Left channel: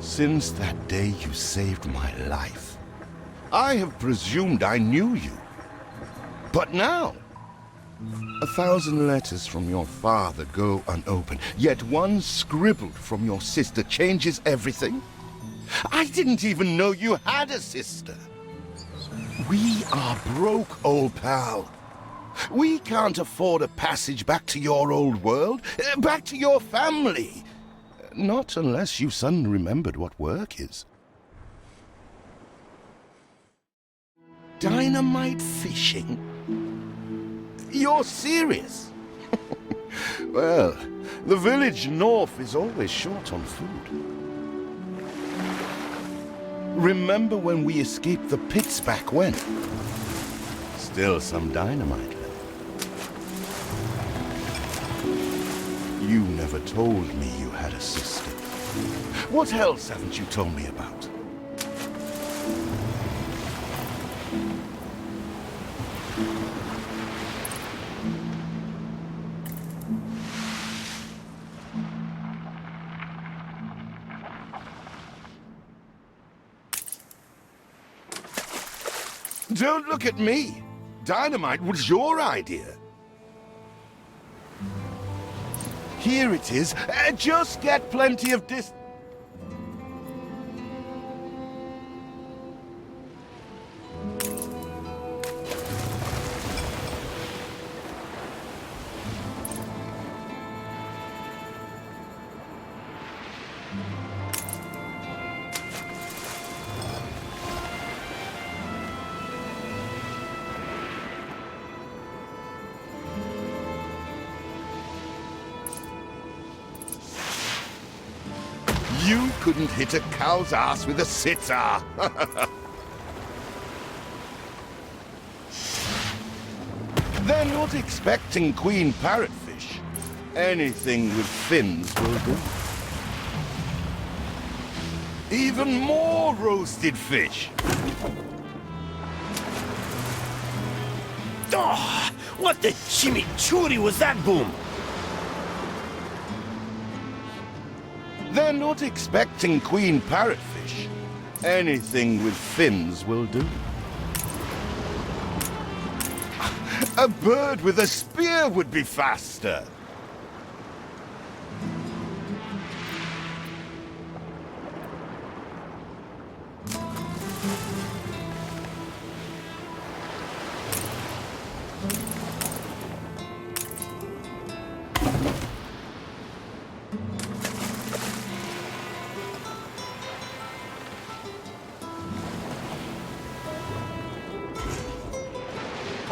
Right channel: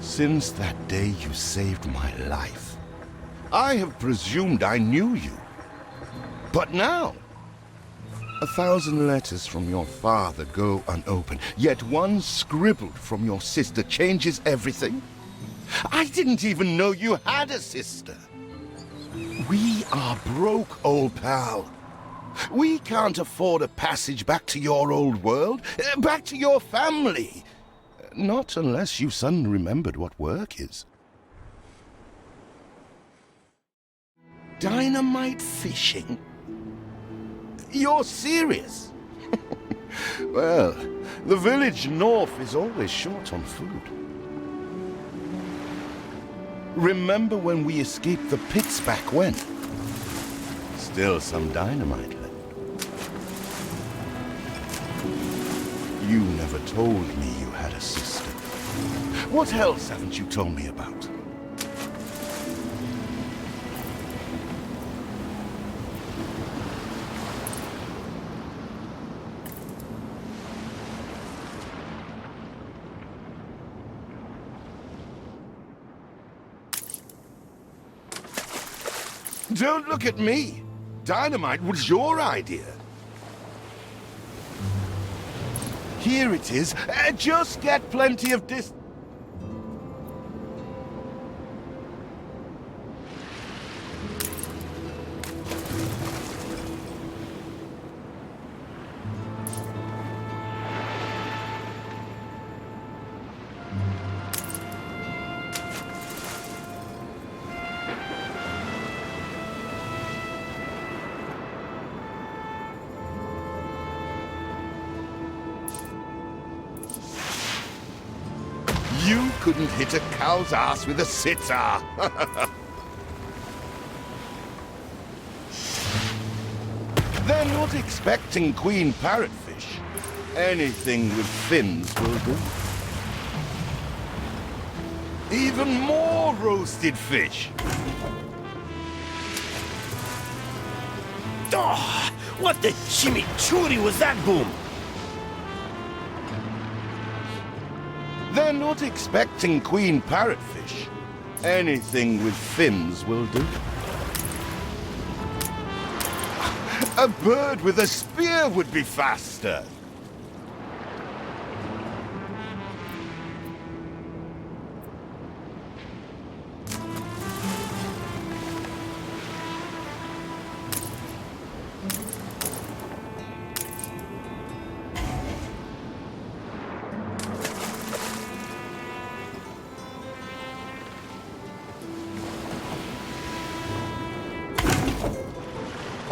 Since that day you saved my life, I have presumed I knew you. But now, 1,000 letters from your father go unopened, yet one scribbled from your sister changes everything? I didn't even know you had a sister. We are broke, old pal. We can't afford a passage back to your old world, back to your family. Not unless you suddenly remembered what work is. Dynamite fishing? You're serious? Well, the village north is always short on food. Remember when we escaped the pits back when? Still some dynamite left. You never told me you had a sister. What else haven't you told me about? Don't look at me. Dynamite was your idea. Here it is. Just get plenty of dis... You couldn't hit a cow's ass with a sitar. They're not expecting queen parrotfish. Anything with fins will do. Even more roasted fish. Oh, what the chimichurri was that, Boom? They're not expecting queen parrotfish. Anything with fins will do. A bird with a spear would be faster.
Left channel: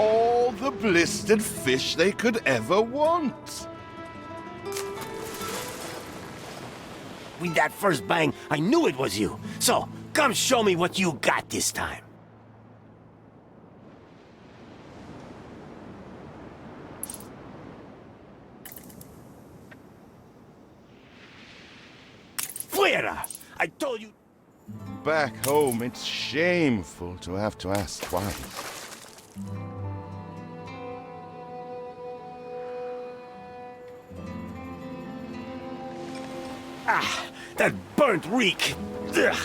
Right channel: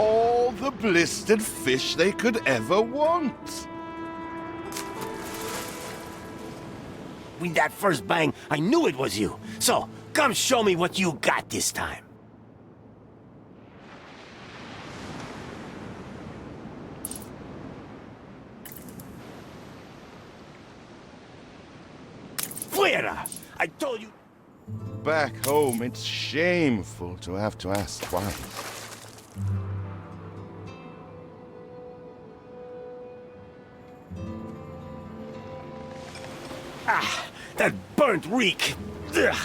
All the blistered fish they could ever want. With that first bang, I knew it was you. So, come show me what you got this time. Fuera! I told you... Back home, it's shameful to have to ask twice. Ah, that burnt reek. Ugh.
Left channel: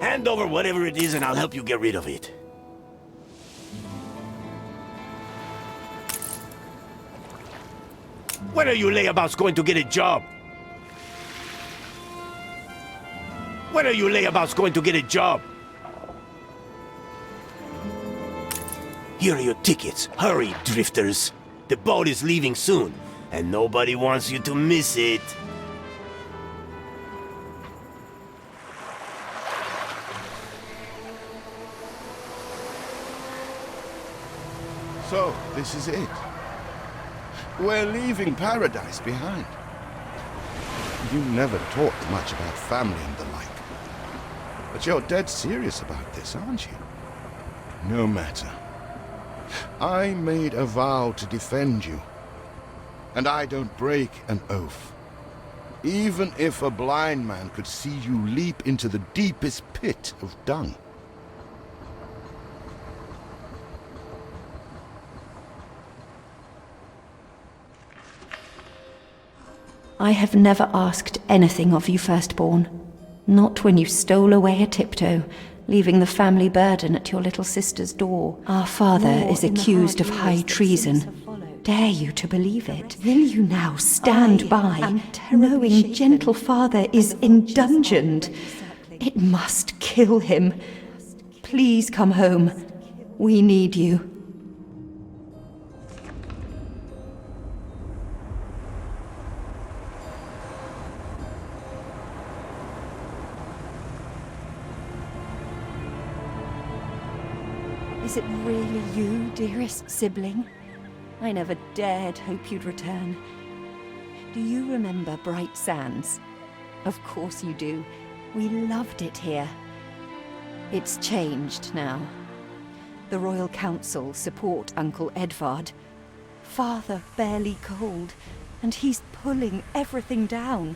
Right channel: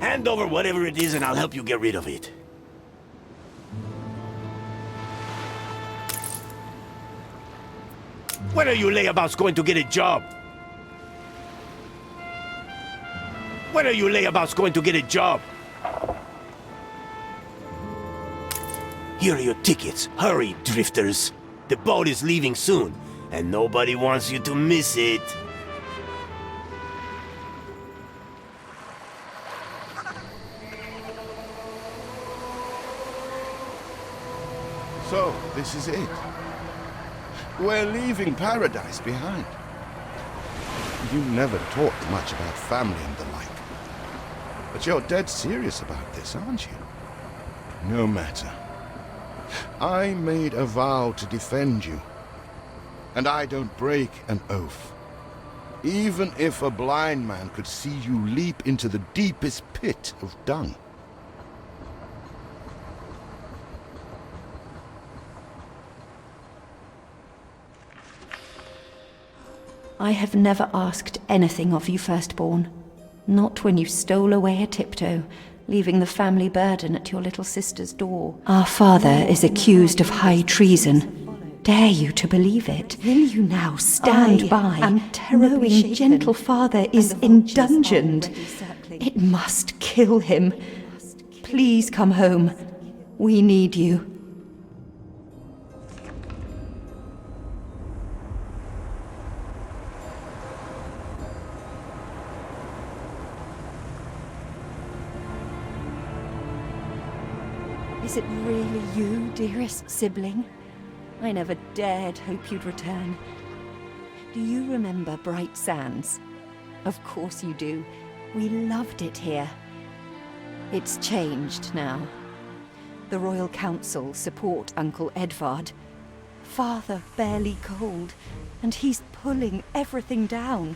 Hand over whatever it is and I'll help you get rid of it. When are you layabouts going to get a job? When are you layabouts going to get a job? Here are your tickets. Hurry, drifters. The boat is leaving soon, and nobody wants you to miss it. So, this is it. We're leaving paradise behind. You never talked much about family and the like. But you're dead serious about this, aren't you? No matter. I made a vow to defend you. And I don't break an oath. Even if a blind man could see you leap into the deepest pit of dung. I have never asked anything of you, firstborn. Not when you stole away a tiptoe, leaving the family burden at your little sister's door. Our father is accused of high treason. Dare you to believe it? Will you now stand by, knowing gentle father is indungeoned? It must kill him. Please come home. We need you. Is it really you, dearest sibling? I never dared hope you'd return. Do you remember Bright Sands? Of course you do. We loved it here. It's changed now. The Royal Council support Uncle Edvard. Father barely cold, and he's pulling everything down.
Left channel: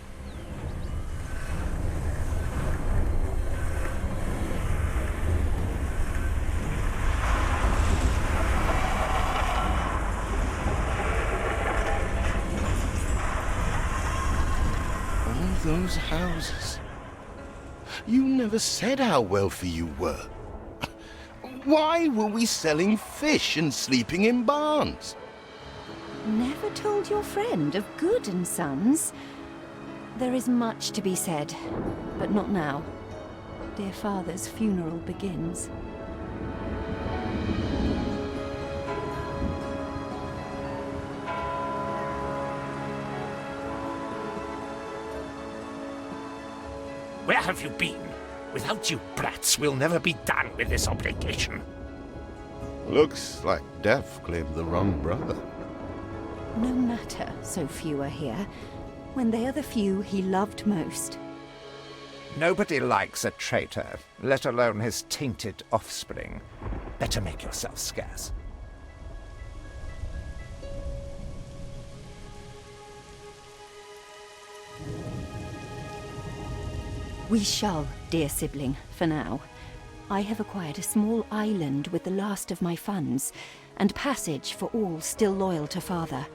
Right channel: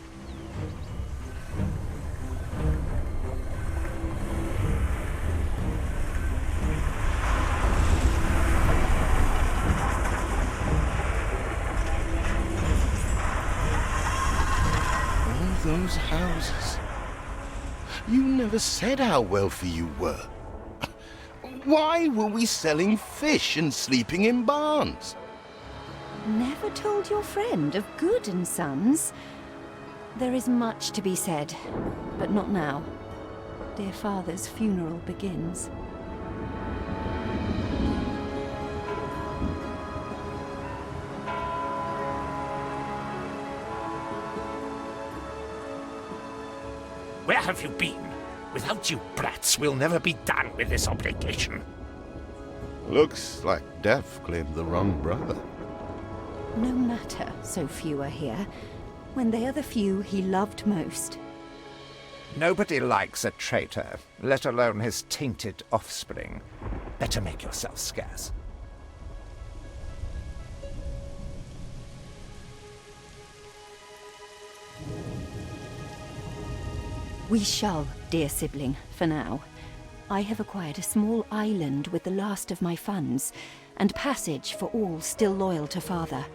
Those houses. You never said how wealthy you were. Why were we selling fish and sleeping in barns? Never told your friend of Good and Sons? There is much to be said, but not now. Dear father's funeral begins. Where have you been? Without you brats, we'll never be done with this obligation. Looks like Death claimed the wrong brother. No matter, so few are here, when they are the few he loved most. Nobody likes a traitor, let alone his tainted offspring. Better make yourself scarce. We shall, dear sibling, for now. I have acquired a small island with the last of my funds, and passage for all still loyal to father.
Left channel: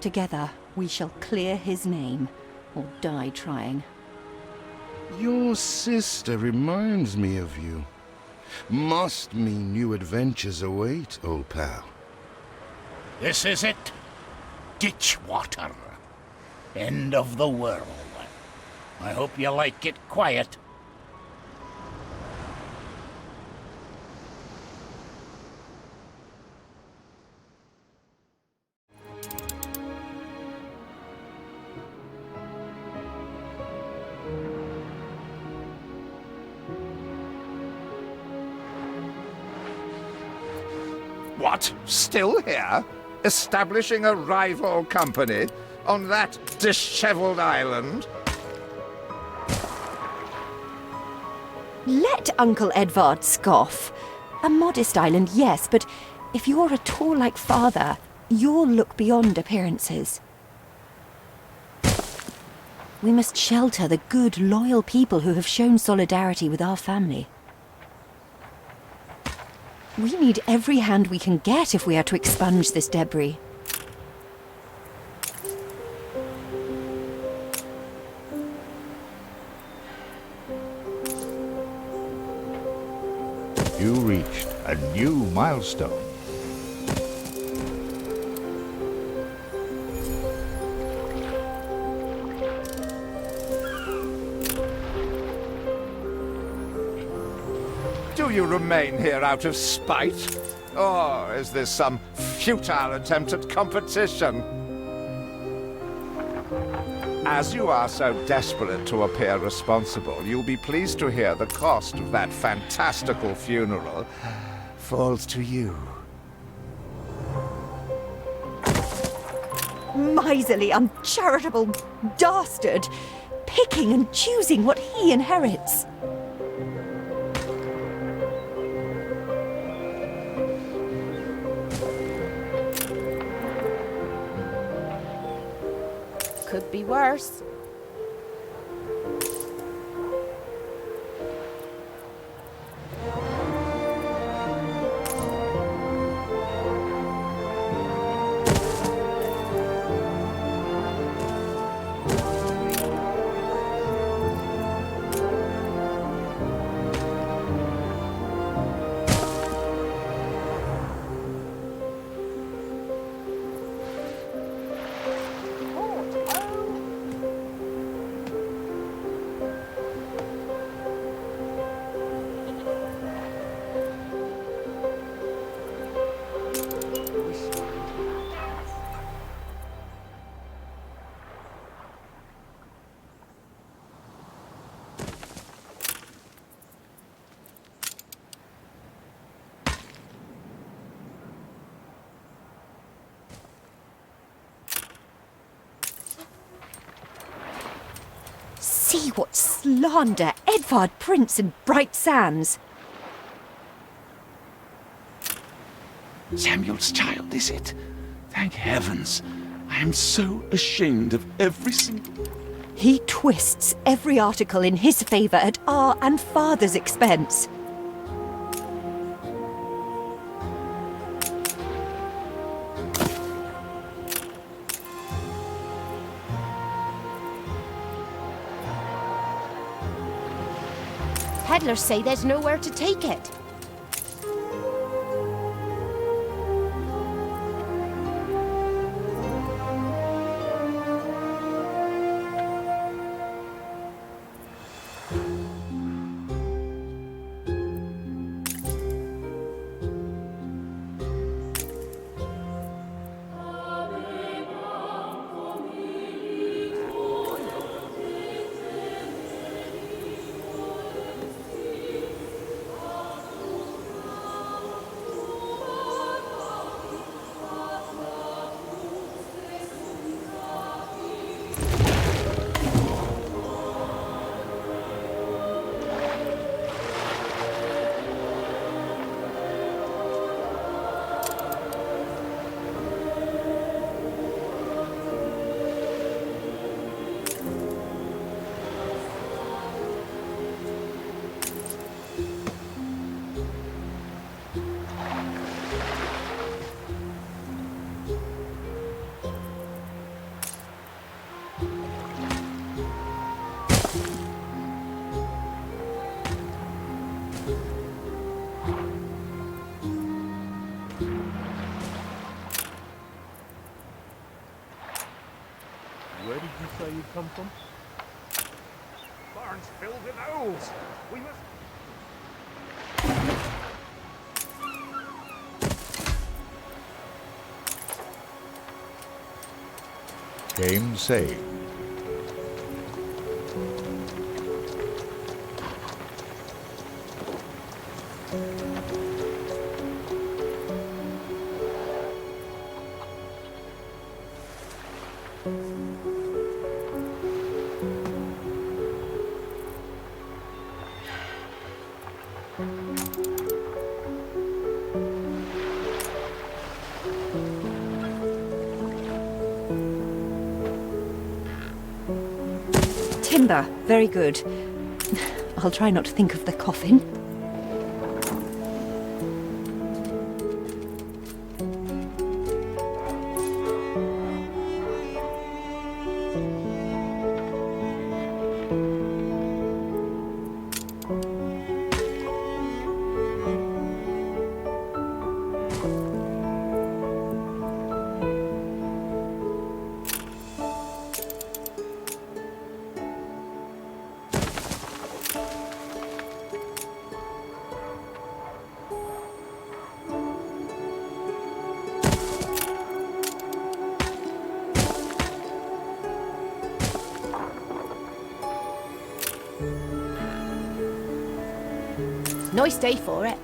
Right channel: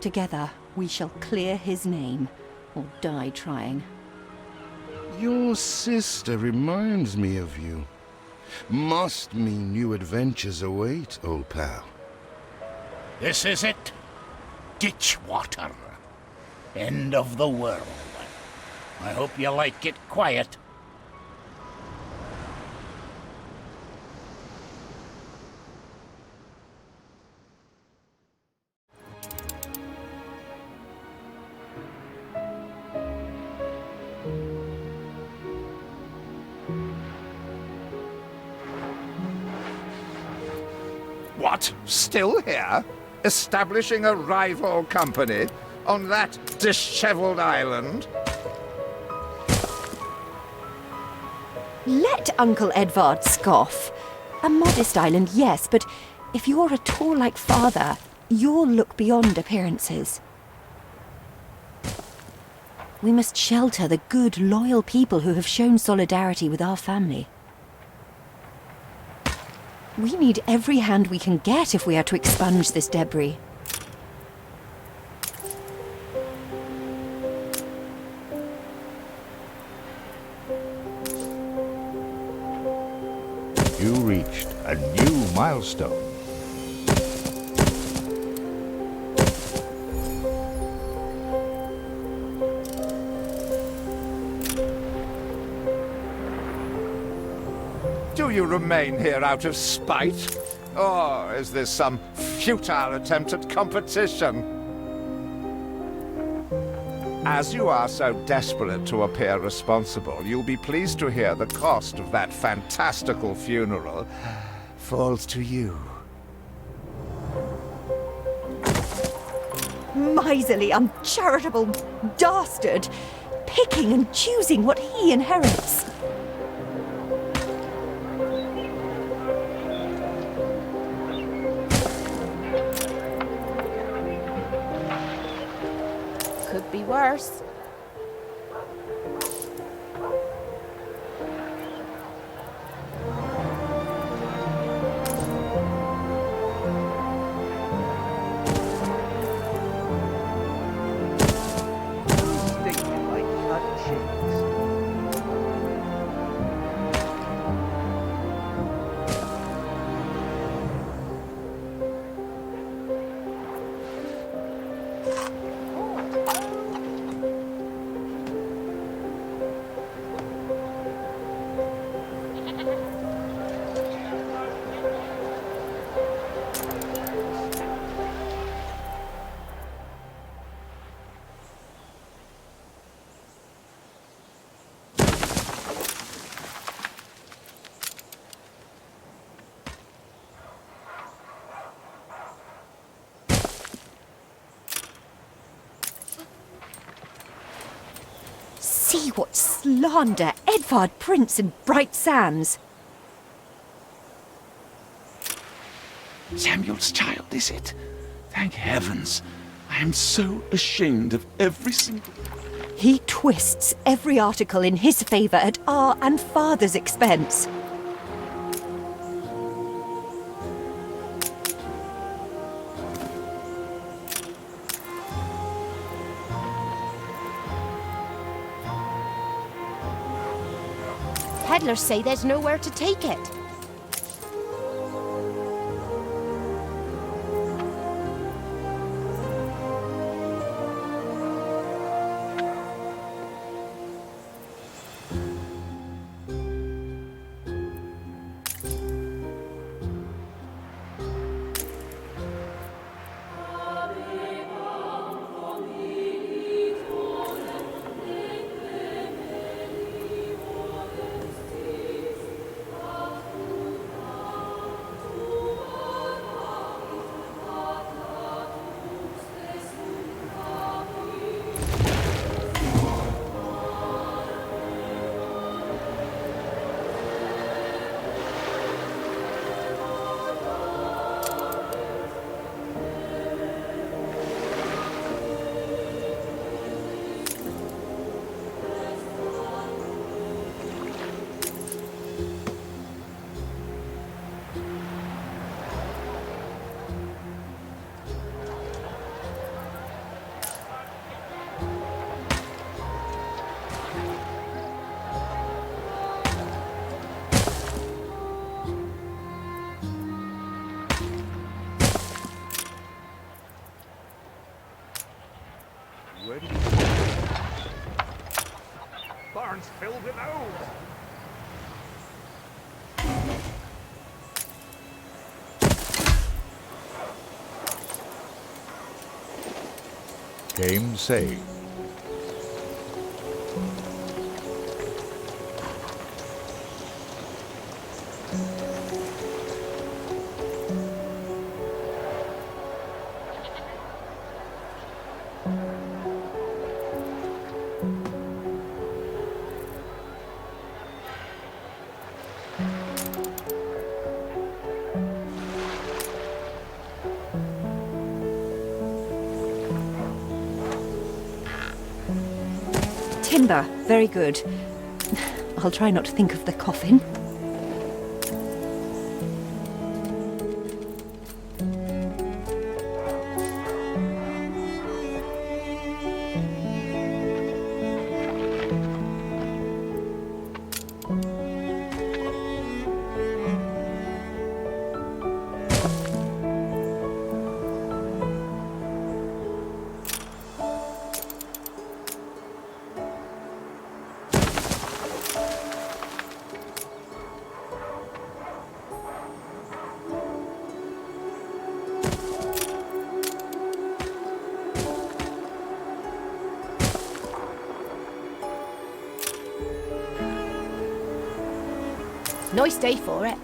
Together, we shall clear his name, or die trying. Your sister reminds me of you. Must mean new adventures await, old pal. This is it. Ditch water. End of the world. I hope you like it quiet. What? Still here? Establishing a rival company? On that disheveled island? Let Uncle Edvard scoff. A modest island, yes, but if you're at all like father, you'll look beyond appearances. We must shelter the good, loyal people who have shown solidarity with our family. We need every hand we can get if we are to expunge this debris. You reached a new milestone. Do you remain here out of spite? Or is this some futile attempt at competition? As you are so desperate to appear responsible, you'll be pleased to hear the cost of that fantastical funeral falls to you. Miserly, uncharitable dastard! Picking and choosing what he inherits. Could be worse. see what slander Edvard Prince and Bright Sands. Samuel's child, is it? Thank heavens. I am so ashamed of every single... He twists every article in his favour at our and Father's expense. Peddlers say there's nowhere to take it. Where did you say you come from? Barn's filled with owls. Game saved. Timber, very good. I'll try not to think of the coffin. Nice day for it.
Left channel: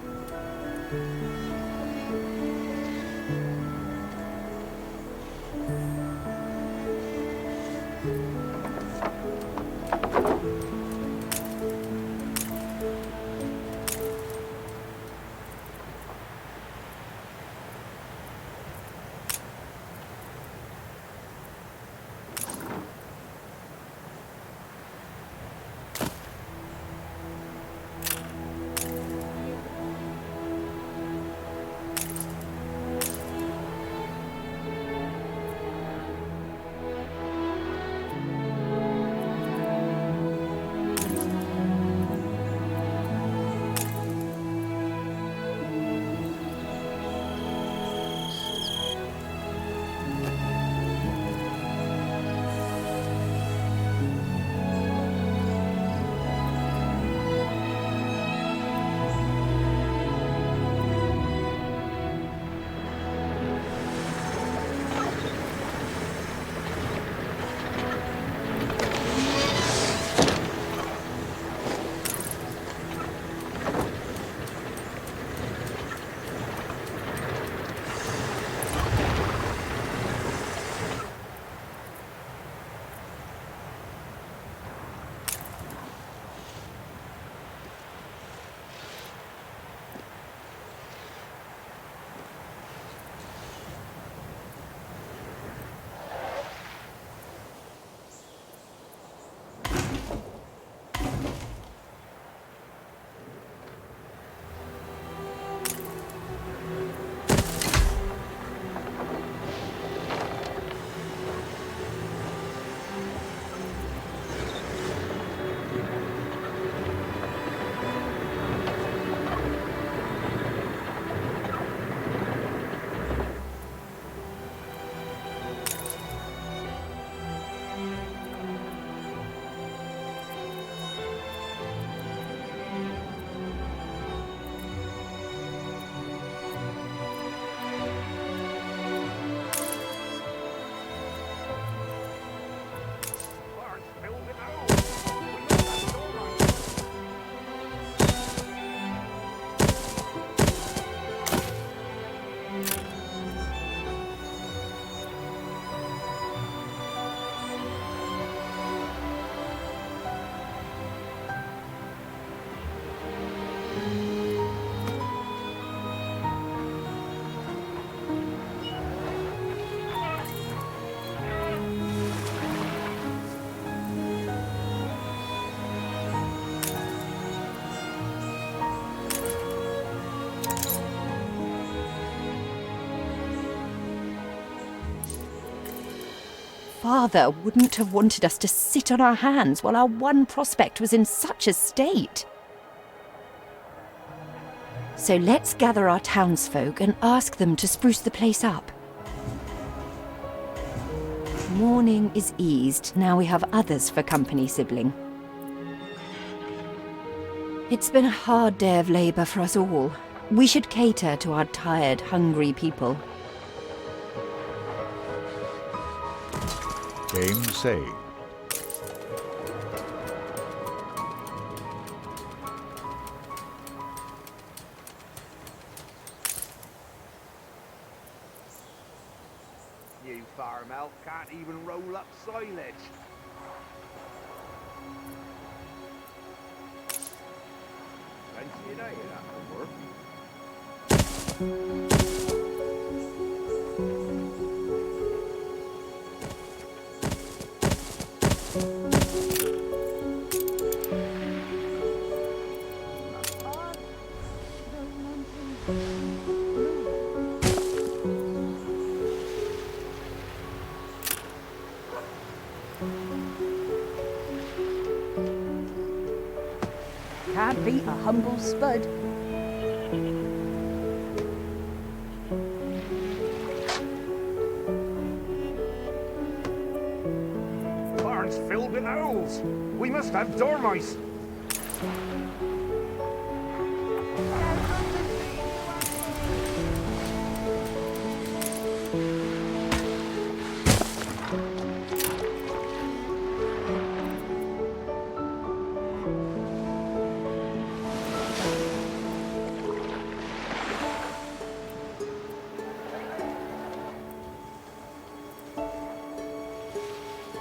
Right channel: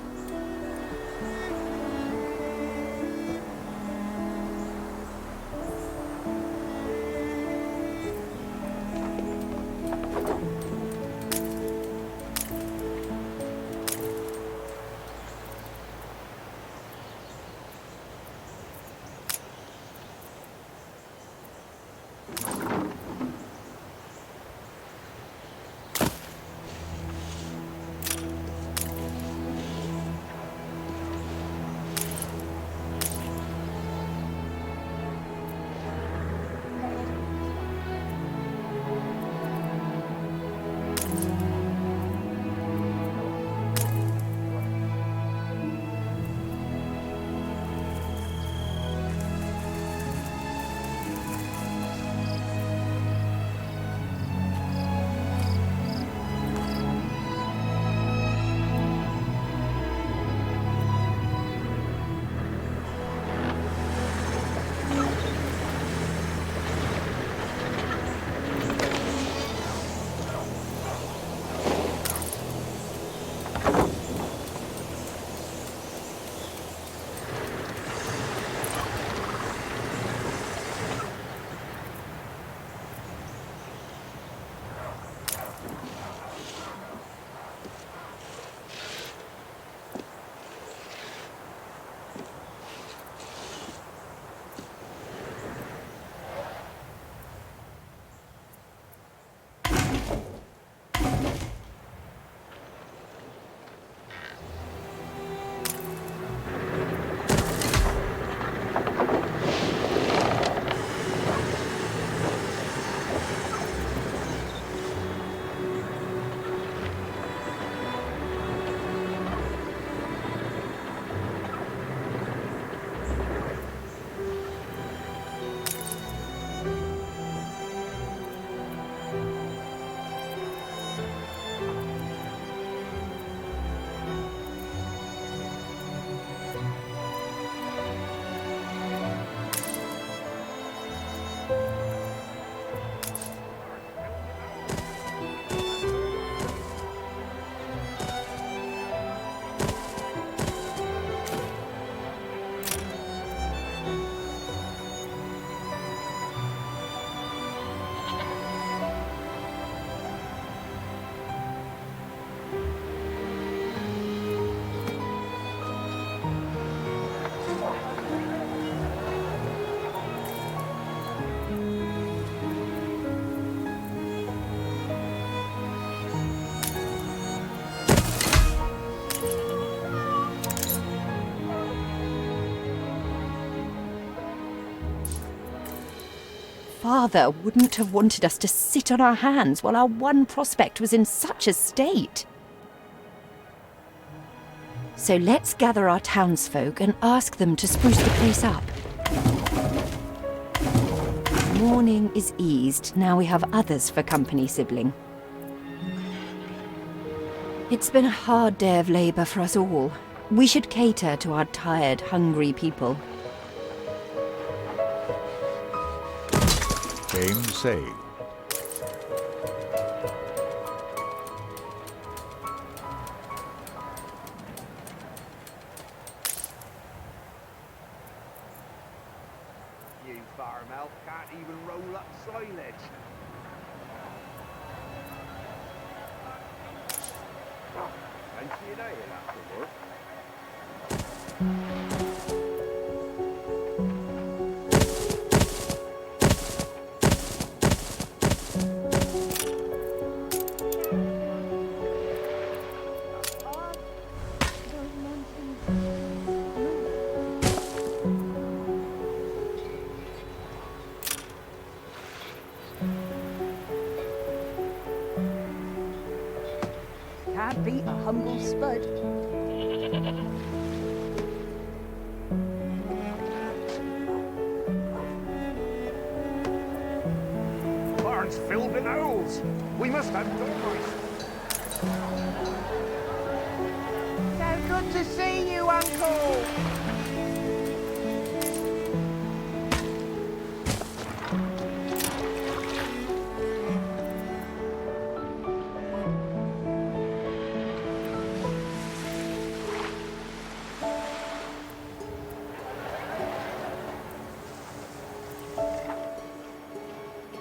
father wouldn't have wanted us to sit on our hands while our one prospect was in such a state. So let's gather our townsfolk and ask them to spruce the place up. Mourning is eased, now we have others for company, sibling. It's been a hard day of labour for us all. We should cater to our tired, hungry people. Game saved. You farm elf can't even roll up silage. Fancy a day after work. Can't beat a humble spud. Barn's filled with owls. We must have dormice. So good to see you, Uncle.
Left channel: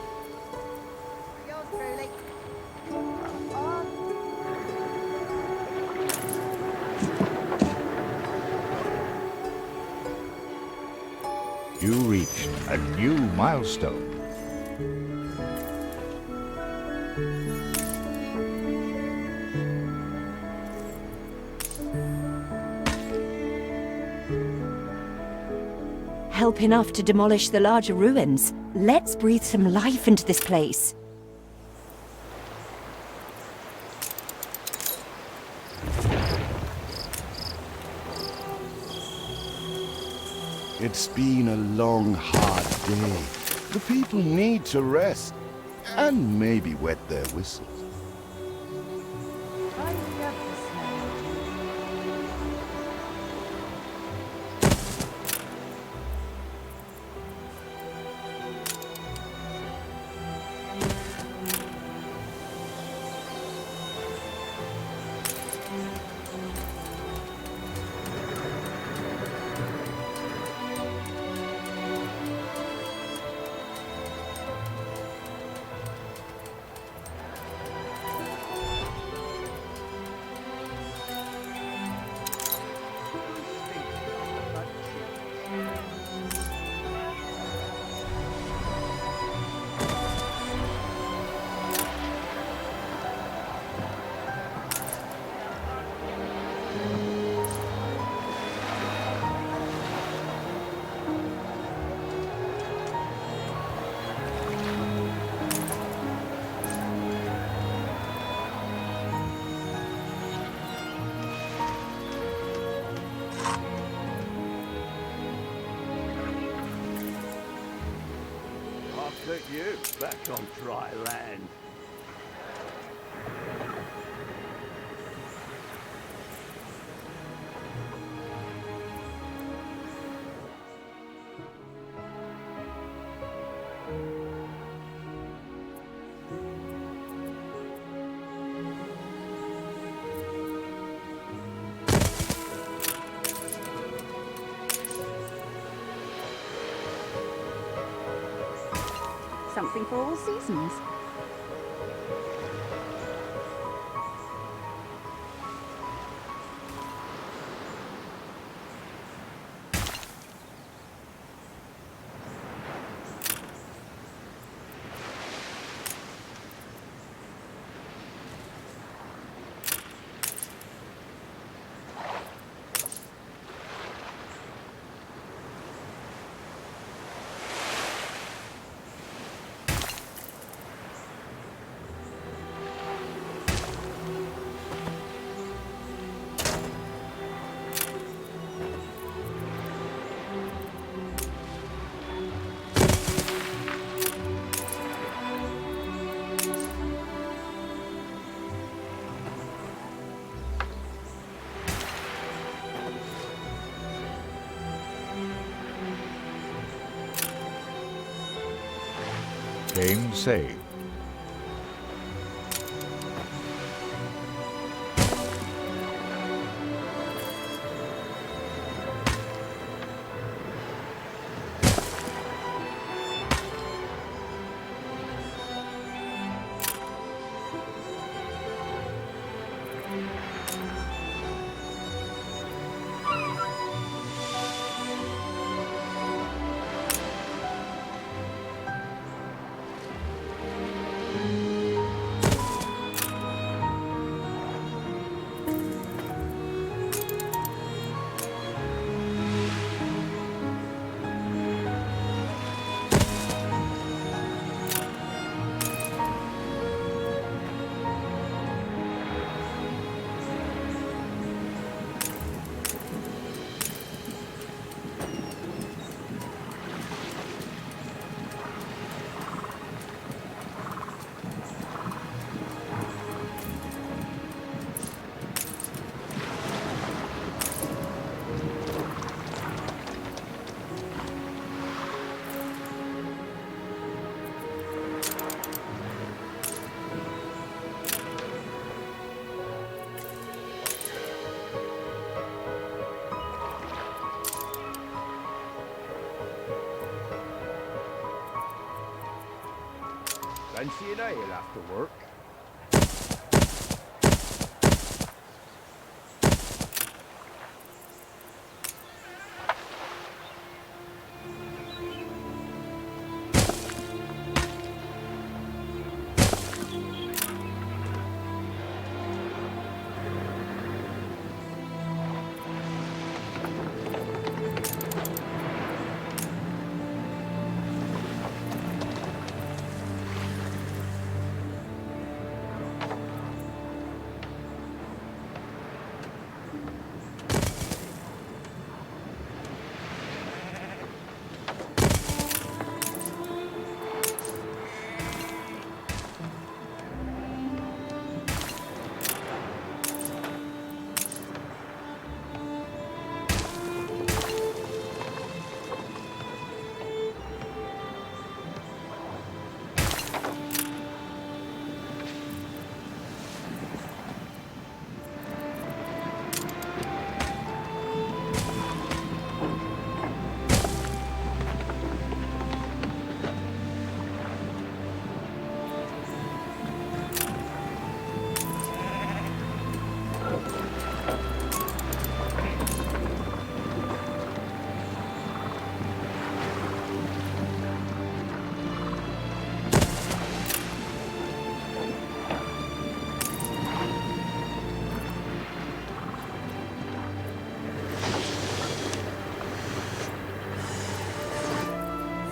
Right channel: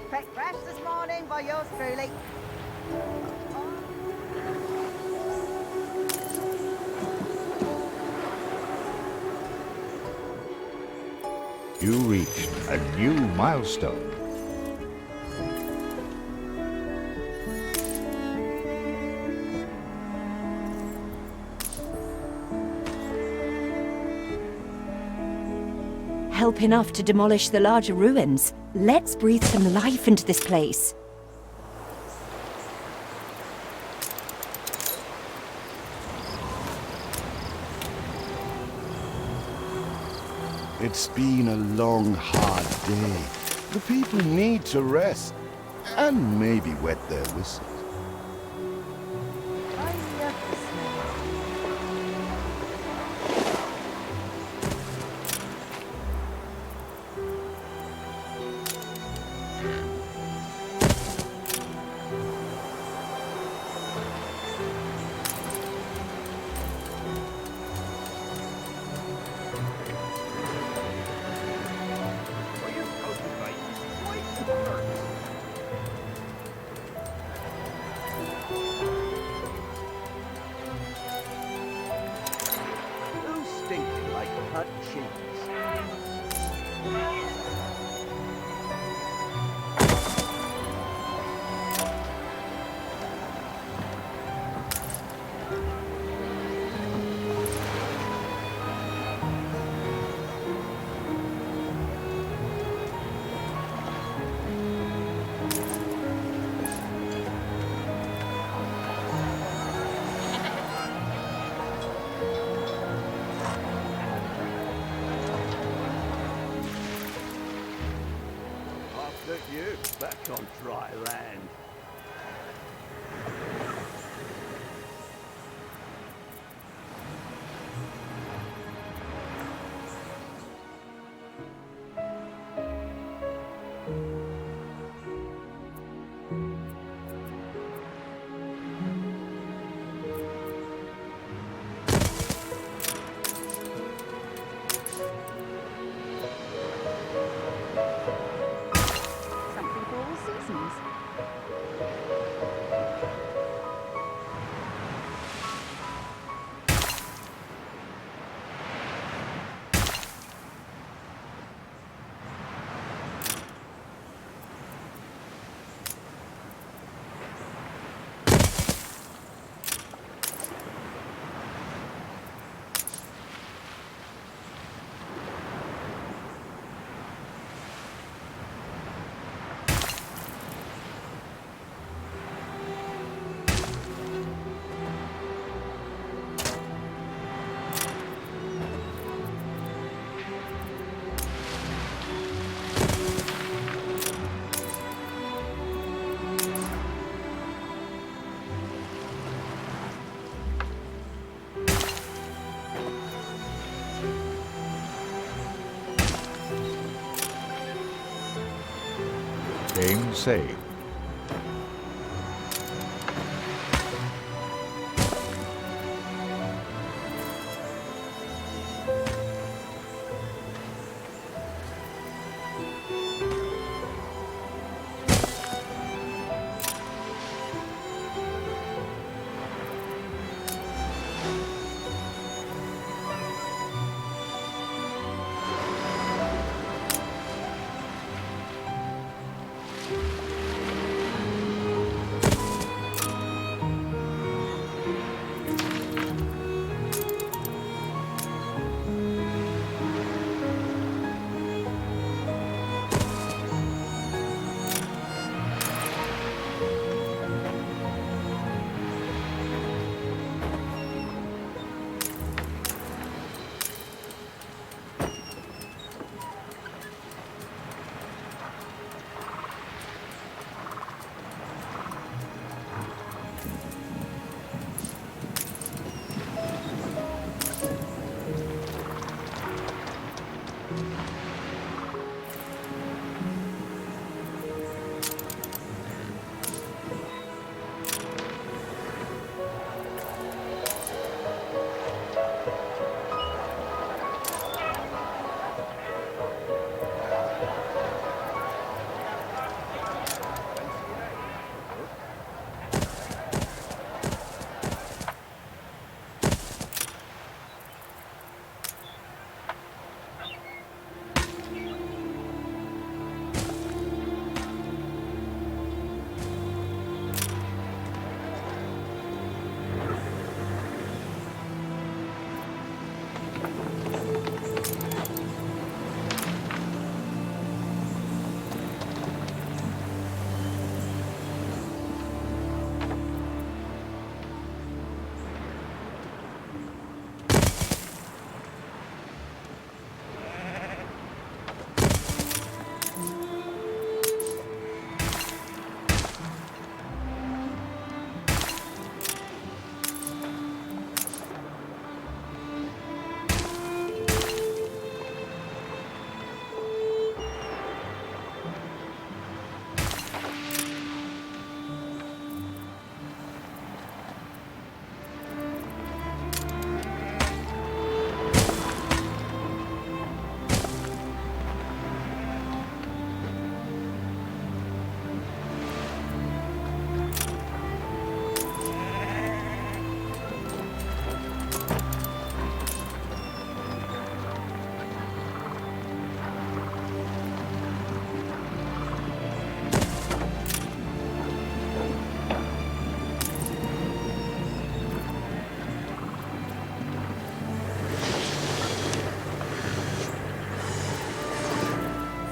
Breakfast this morning by yours truly. You reached a new milestone. Help enough to demolish the larger ruins. Let's breathe some life into this place. It's been a long, hard day. The people need to rest and maybe wet their whistles. I love the smell. Who's stinking like cut cheese? I'll put you back on dry land. Something for all seasons. Game saved. Fancy an ale after work?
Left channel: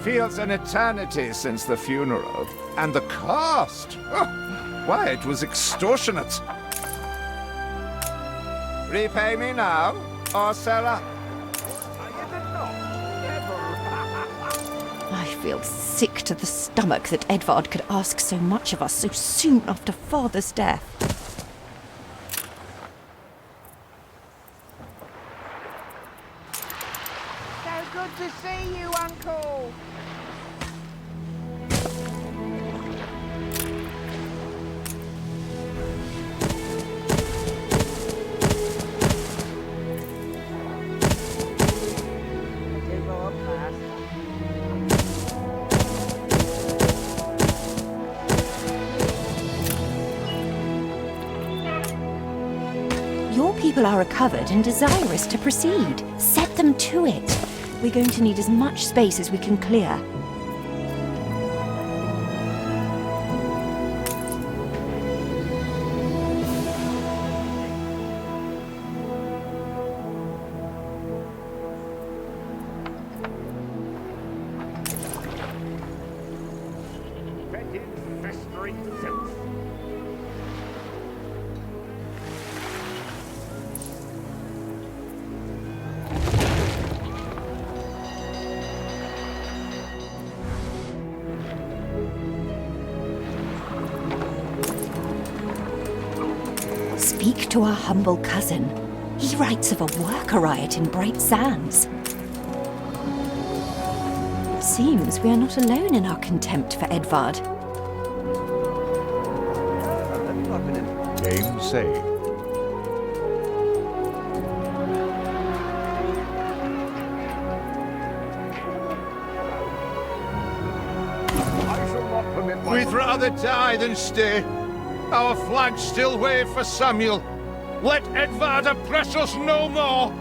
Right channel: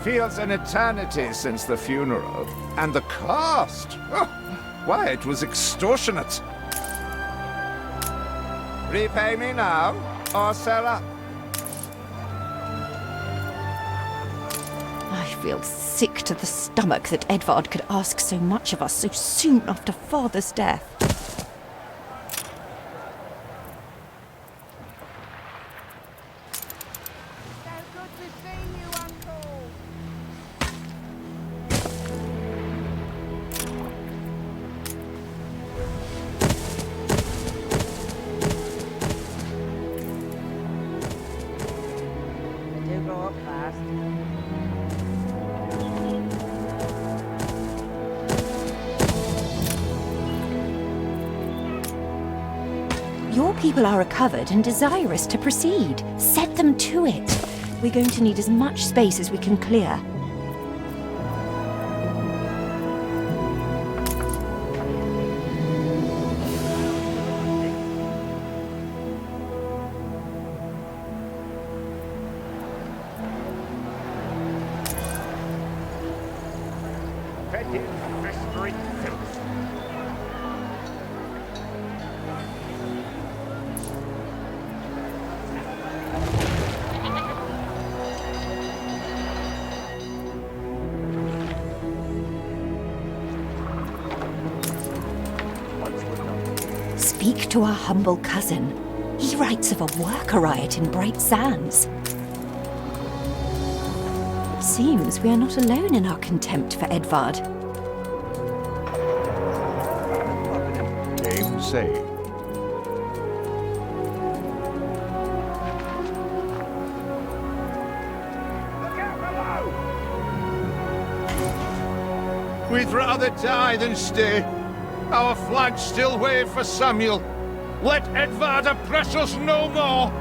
Feels an eternity since the funeral. And the cost! Oh, why, it was extortionate. Repay me now, or sell up. I feel sick to the stomach that Edvard could ask so much of us so soon after Father's death. So good to see you, Uncle. I do grow up fast. Your people are recovered and desirous to proceed. Set them to it. We're going to need as much space as we can clear. Fetid, festering filth. Speak to our humble cousin. He writes of a worker riot in Bright Sands. seems we are not alone in our contempt for Edvard. Game saved. We'd rather die than stay. Our flags still wave for Samuel. Let Edvard oppress us no more!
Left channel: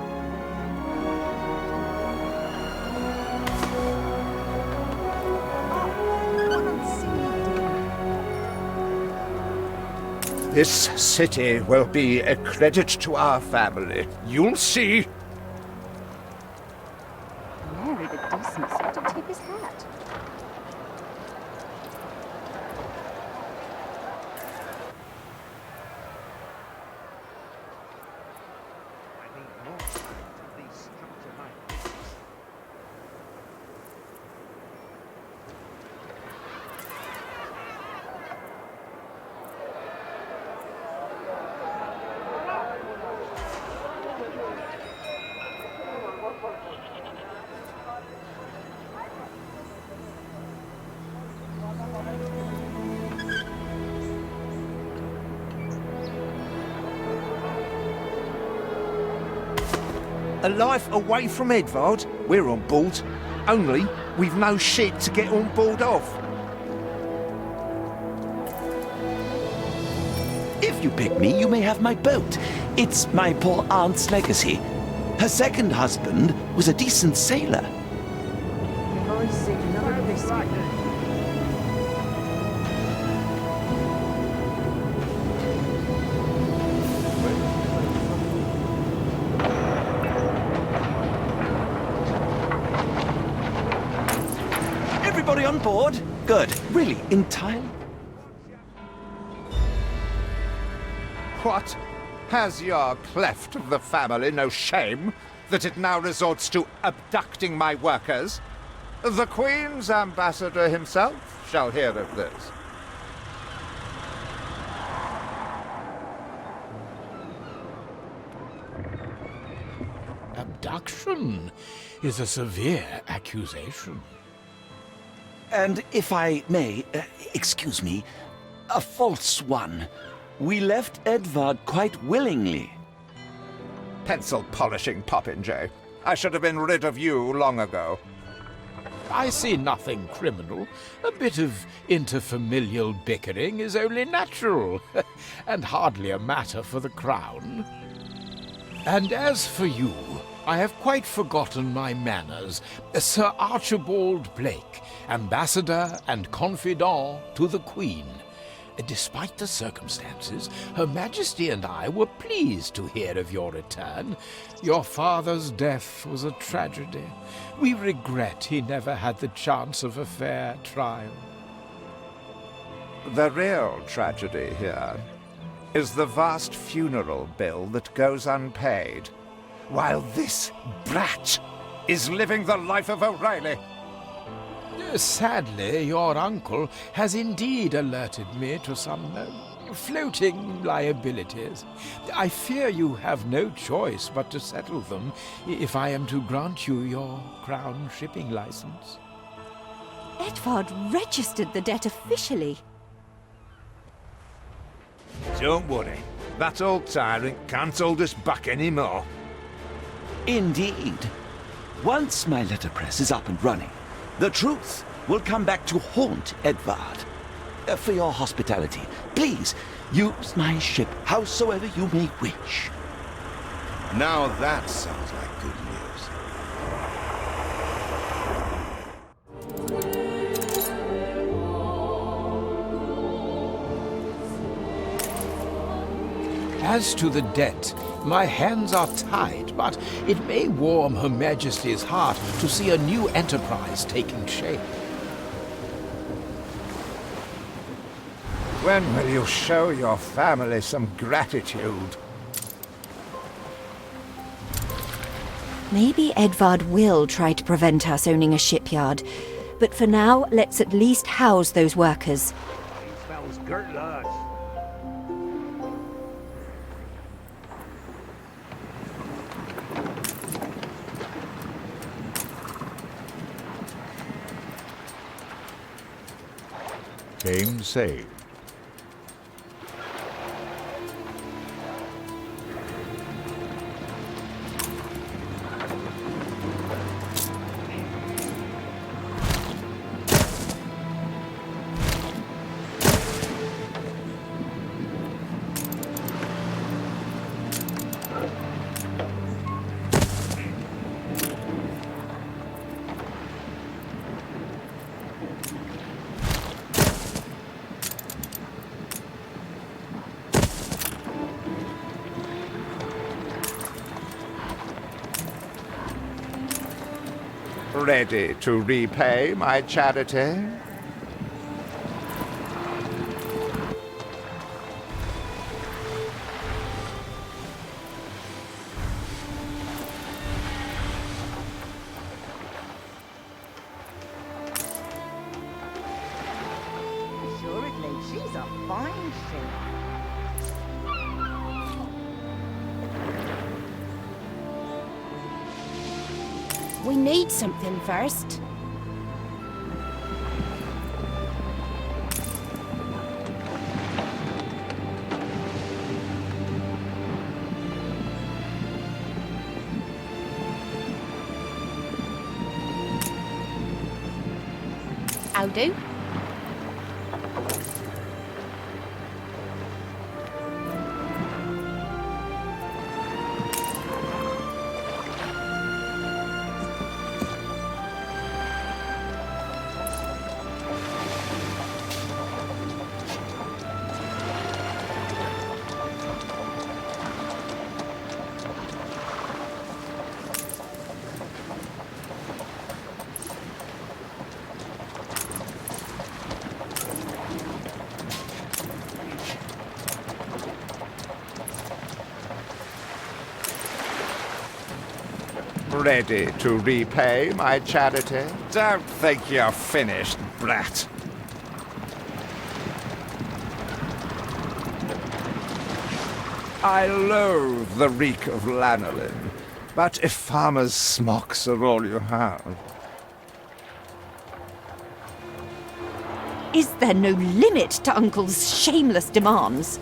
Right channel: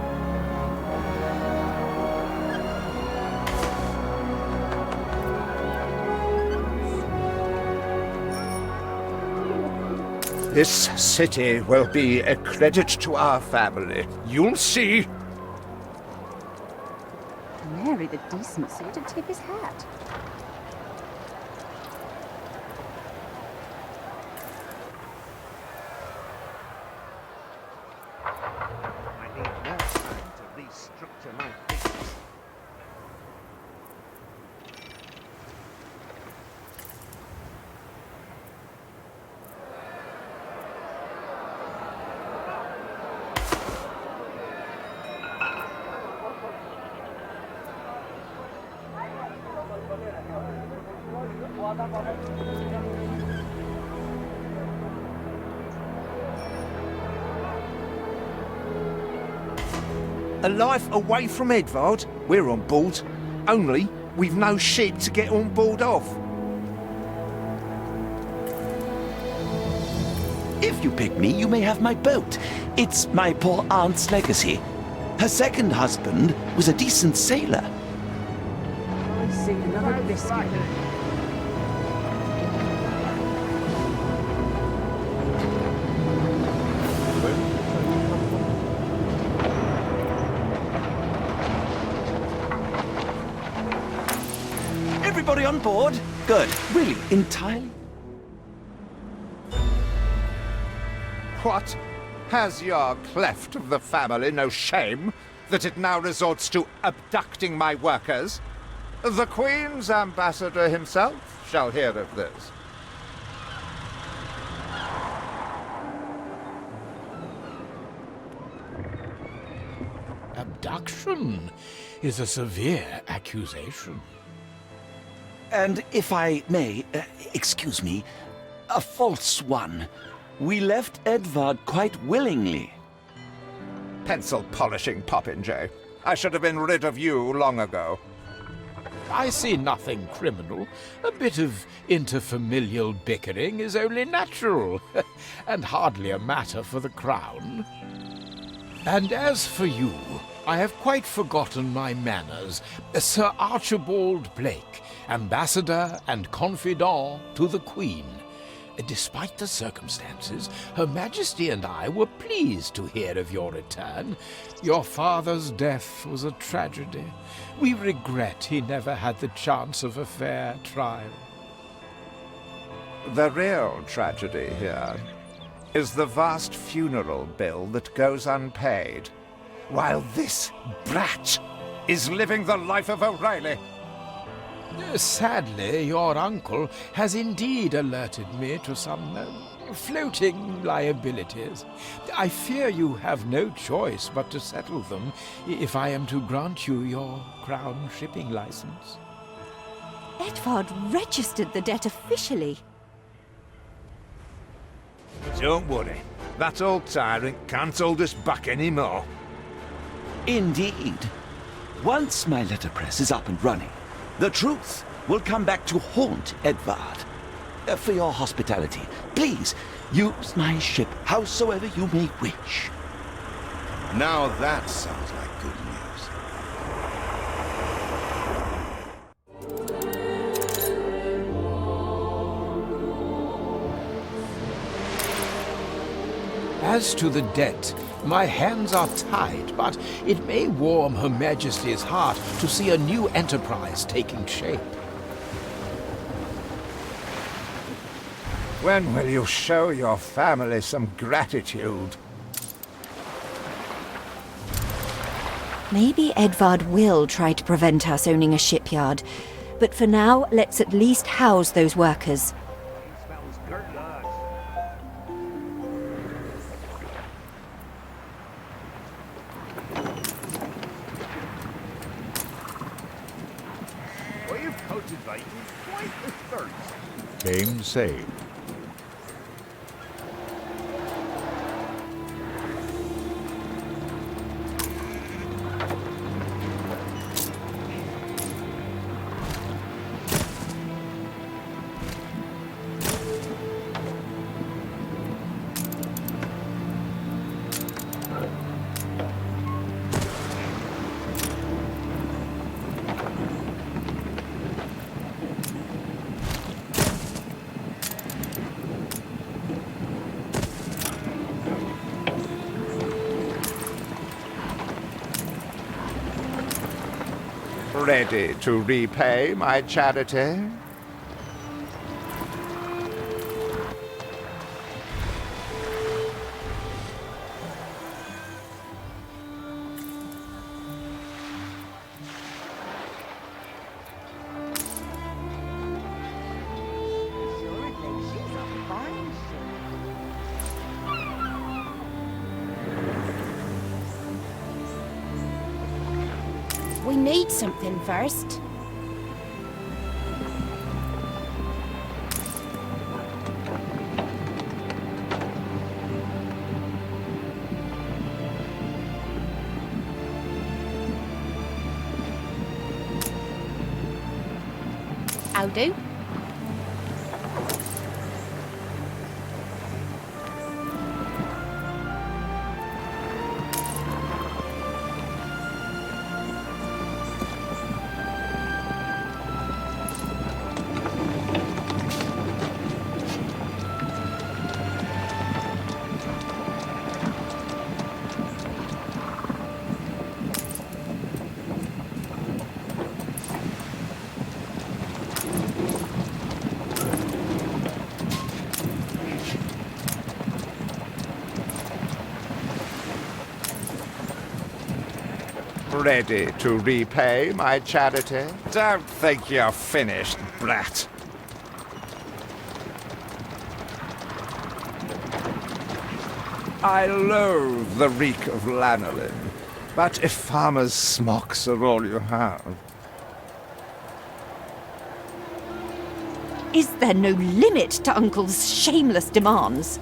This city will be a credit to our family. You'll see. Married a decent sort to tip his hat. I need more time to restructure my business. A life away from Edvard? We're on board. Only, we've no ship to get on board of. If you pick me, you may have my boat. It's my poor aunt's legacy. Her second husband was a decent sailor. I see another biscuit. Everybody on board? Good. Really, entirely? What? Has your cleft of the family no shame that it now resorts to abducting my workers? The Queen's ambassador himself shall hear of this. Abduction is a severe accusation. And if I may, excuse me, a false one. We left Edvard quite willingly. Pencil polishing popinjay. I should have been rid of you long ago. I see nothing criminal. A bit of interfamilial bickering is only natural, and hardly a matter for the crown. And as for you, I have quite forgotten my manners. Sir Archibald Blake, ambassador and confidant to the Queen. Despite the circumstances, Her Majesty and I were pleased to hear of your return. Your father's death was a tragedy. We regret he never had the chance of a fair trial. The real tragedy here is the vast funeral bill that goes unpaid, while this brat is living the life of O'Reilly. Sadly, your uncle has indeed alerted me to some floating liabilities. I fear you have no choice but to settle them if I am to grant you your crown shipping license. Edvard registered the debt officially. Don't worry, that old tyrant can't hold us back anymore. Indeed. Once my letterpress is up and running, the truth will come back to haunt Edvard. For your hospitality, please use my ship howsoever you may wish. Now that sounds like good news. As to the debt, my hands are tied, but it may warm Her Majesty's heart to see a new enterprise taking shape. When will you show your family some gratitude? Maybe Edvard will try to prevent us owning a shipyard, but for now, let's at least house those workers. He smells good, lads. Game saved. Ready to repay my charity? Assuredly, she's a fine ship. We need something first. I'll do. Ready to repay my charity? Don't think you're finished, brat. I loathe the reek of lanolin, but if farmers' smocks are all you have... Is there no limit to Uncle's shameless demands?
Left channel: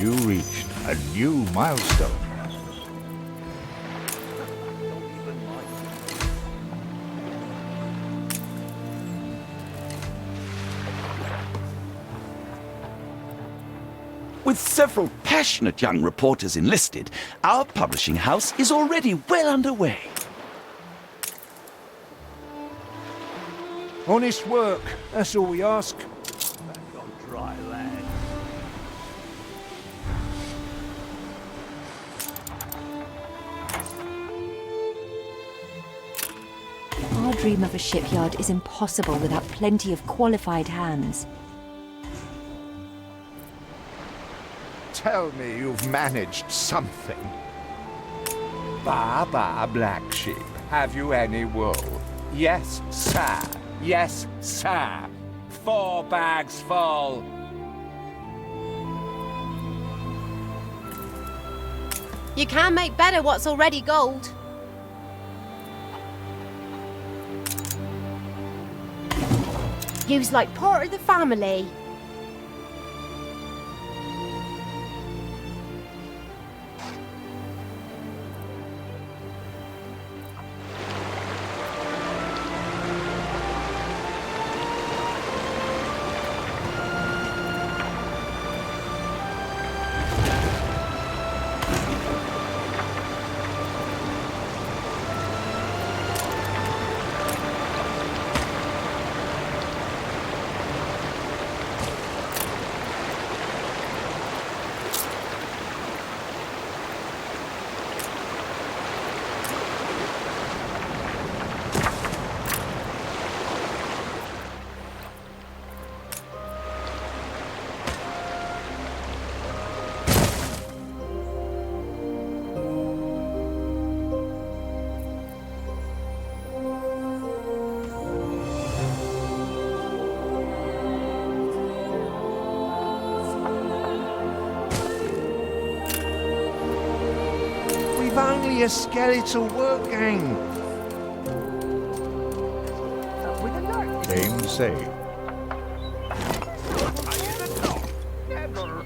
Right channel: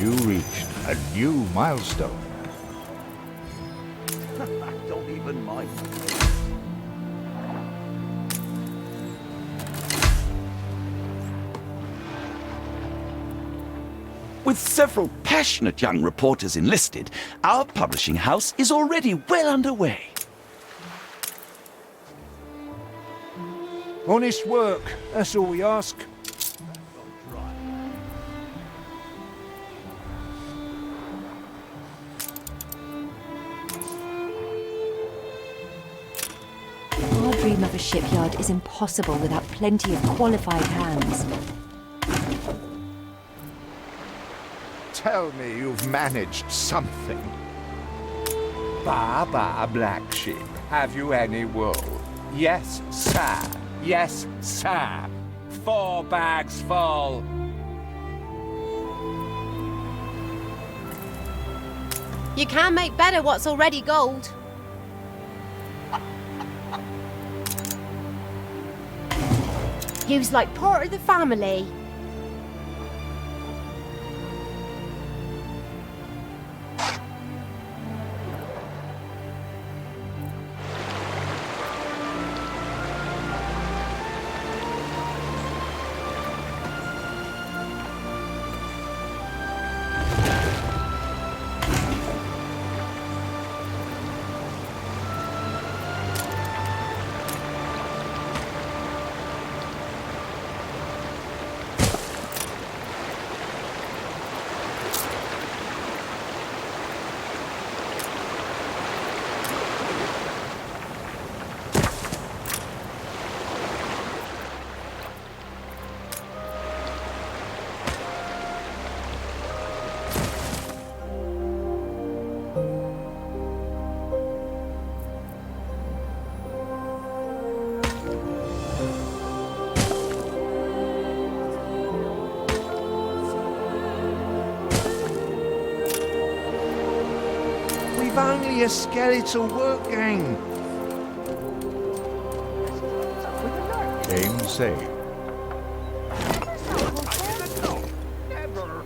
You reached a new milestone. Don't even mind. With several passionate young reporters enlisted, our publishing house is already well underway. Honest work, that's all we ask. Our dream of a shipyard is impossible without plenty of qualified hands. Tell me you've managed something. Ba, black sheep, have you any wool? Yes, sir. Yes, sir. 4 bags full. You can't make better what's already gold. You's like part of the family. We've only a skeletal work gang. With a Game saved. Never.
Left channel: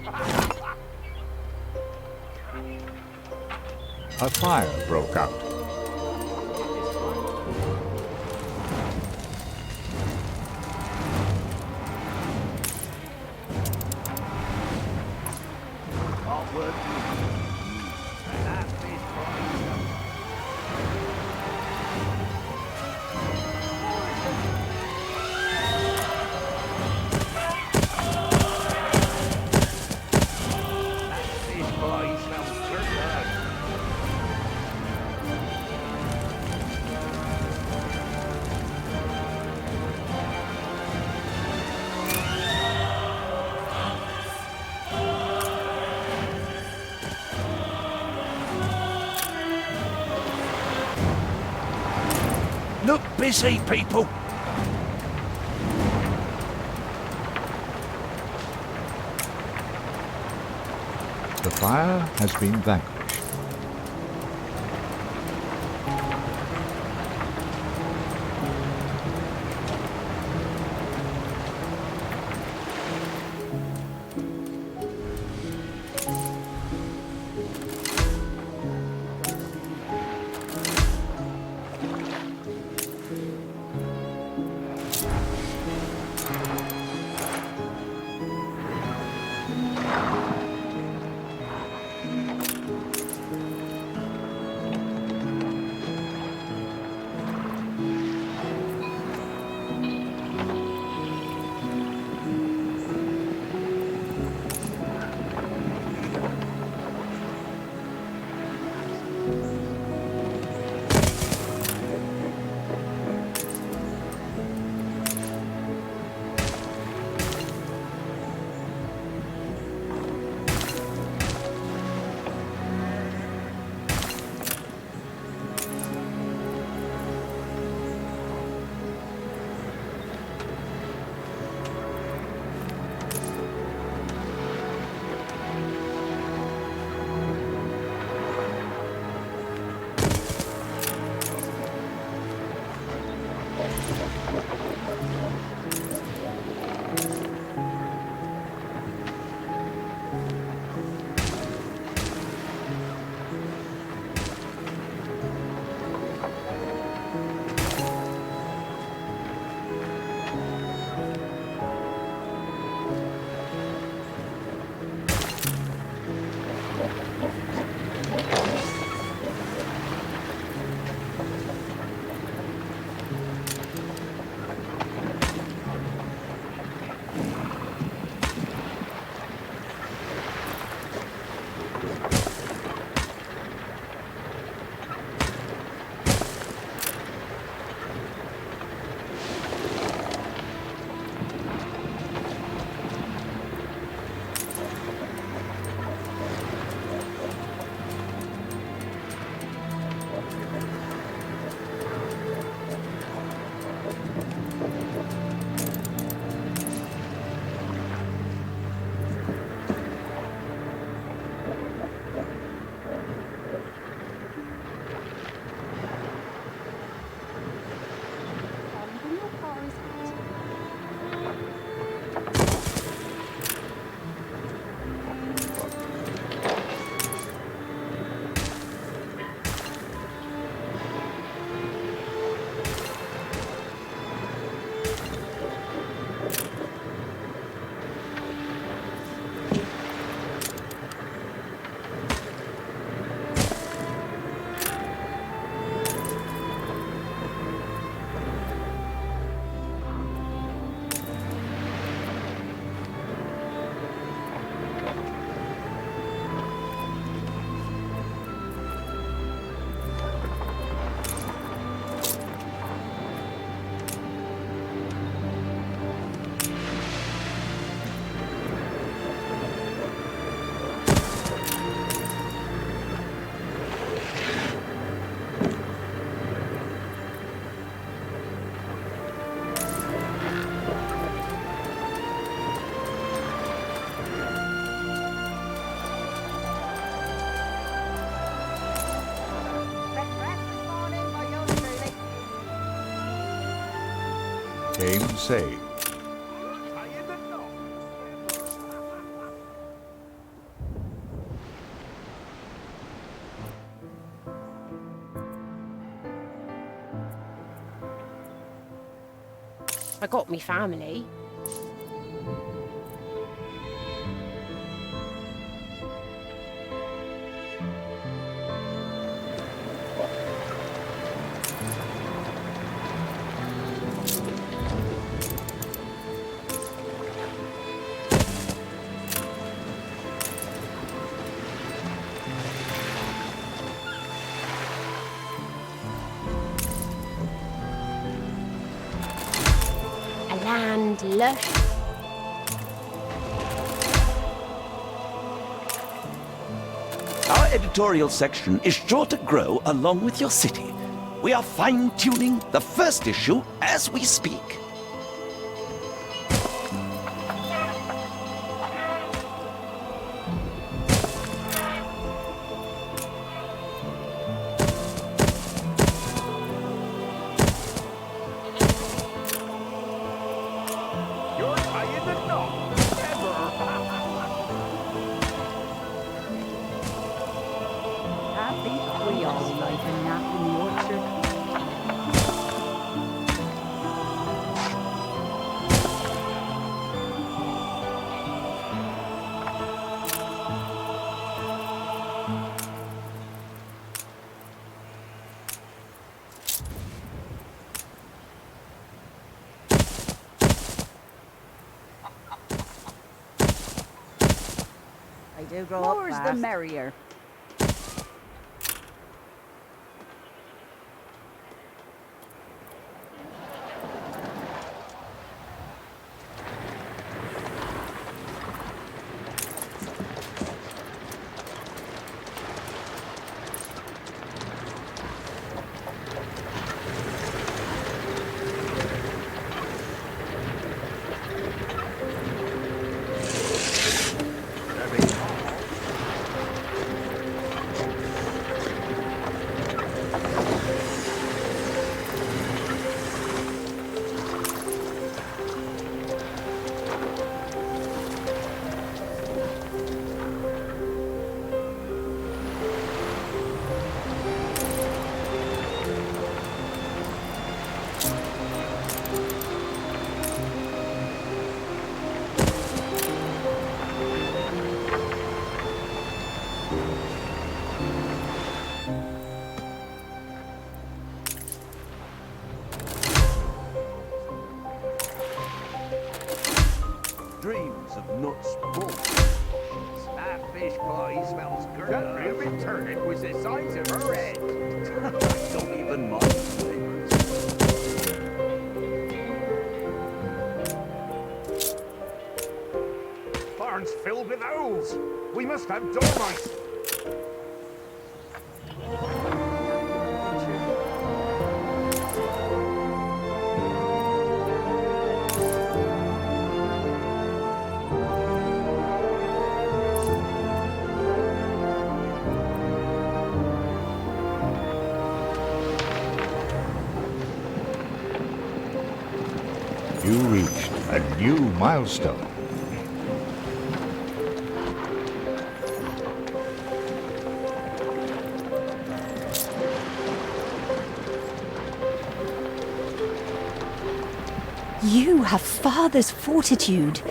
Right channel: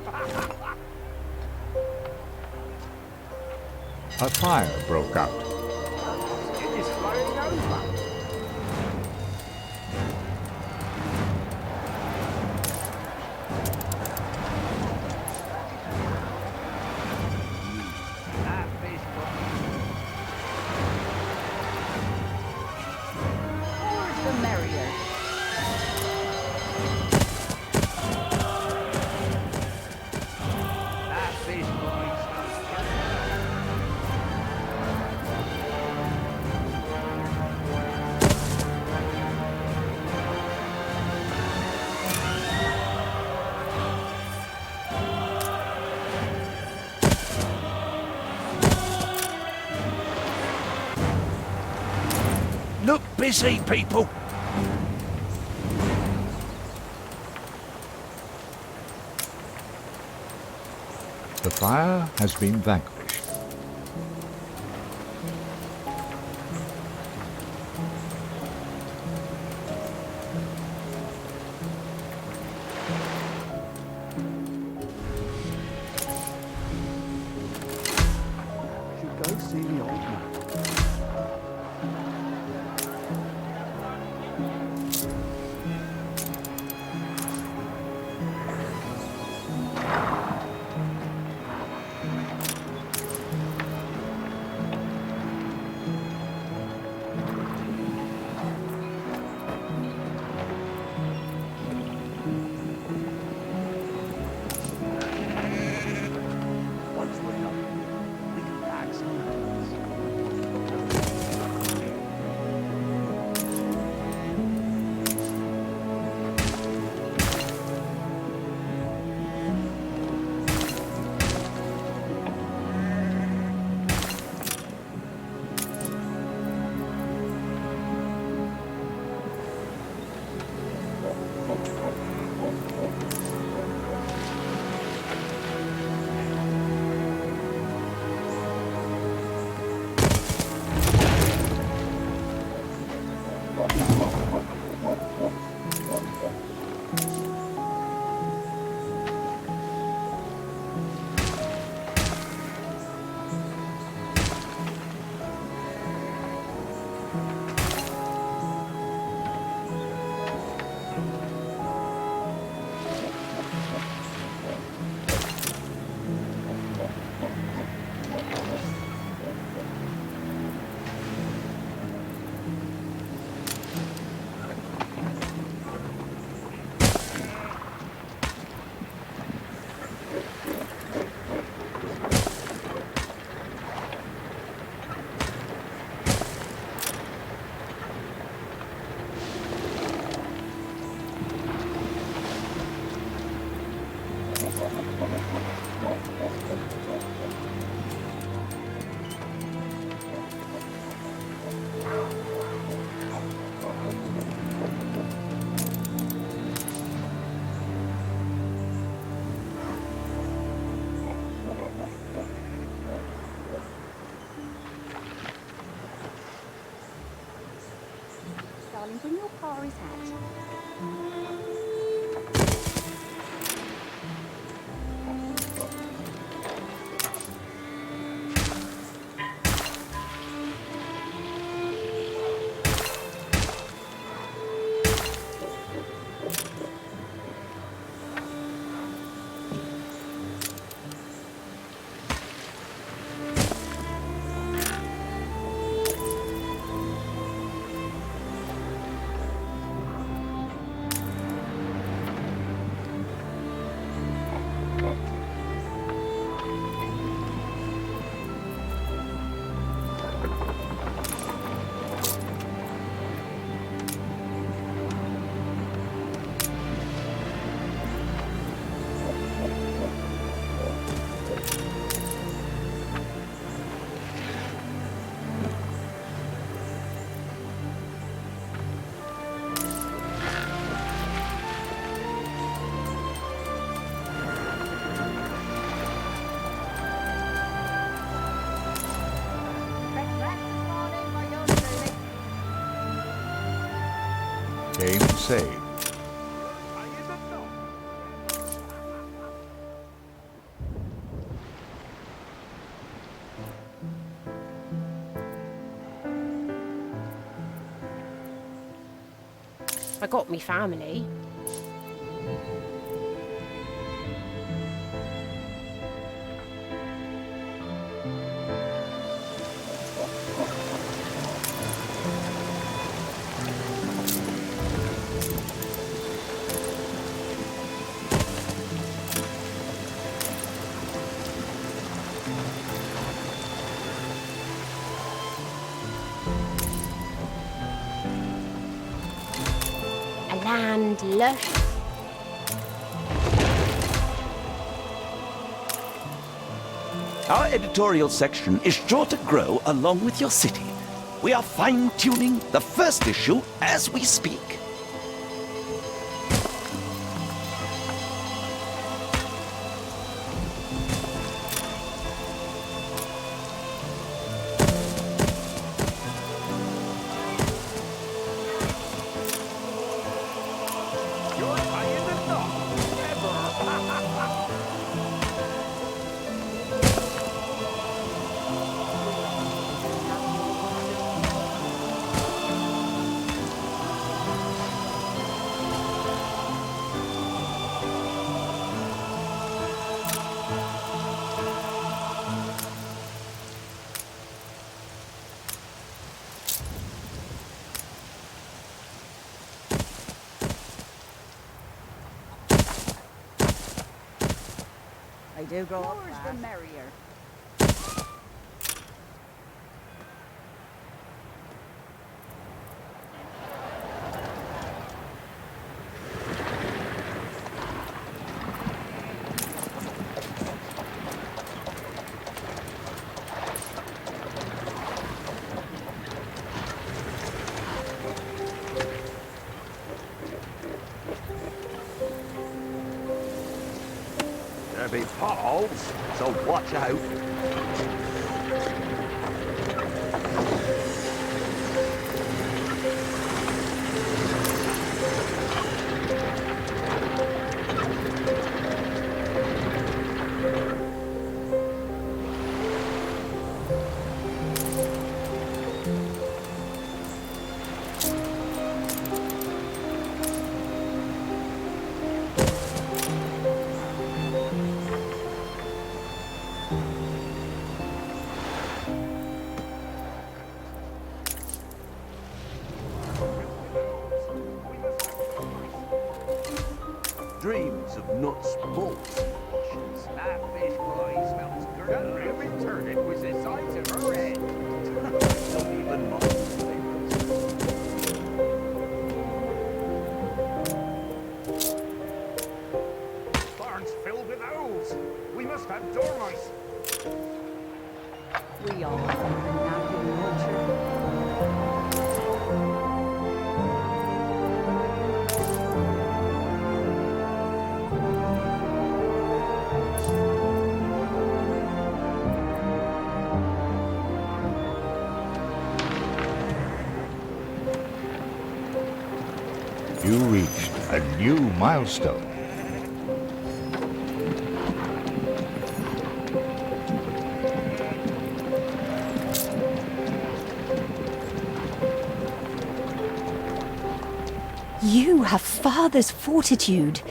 A fire broke out. It is flying over. That fish fry. More the merrier. That fish fry smells good. Look busy, people! The fire has been vanquished. came saved. I got me family. A land lush. Our editorial section is sure to grow along with your city. We are fine-tuning the first issue as we speak. You're tying the knot. Never. We all like a nap in the orchard. I do grow up fast. The merrier. They're big potholes, so watch out. Dreams of nuts, bolts, bushes. That fish pie smells good. That moving turnip was the size of her head. Don't even mind flavors. Barn's filled with owls. We must have dormice. We all like a nap in the orchard. You reached a new milestone. You have father's fortitude.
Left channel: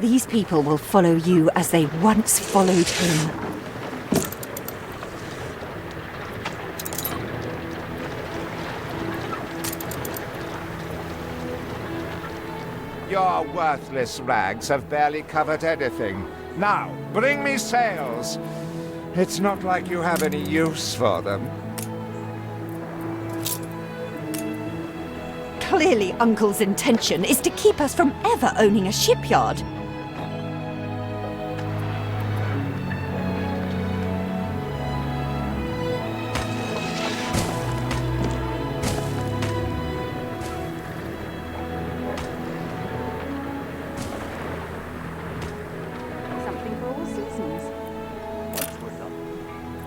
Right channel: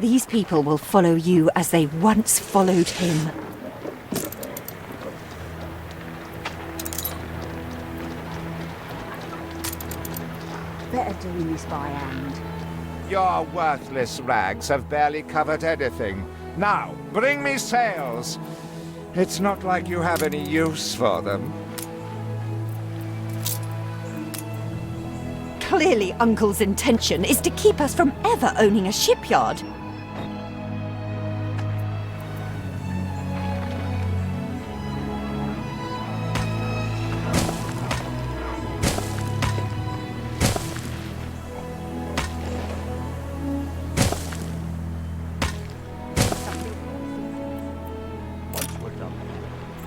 These people will follow you as they once followed him. Better doing this by hand. Your worthless rags have barely covered anything. Now, bring me sails. It's not like you have any use for them. Clearly, Uncle's intention is to keep us from ever owning a shipyard. Something for all seasons. Once we're done,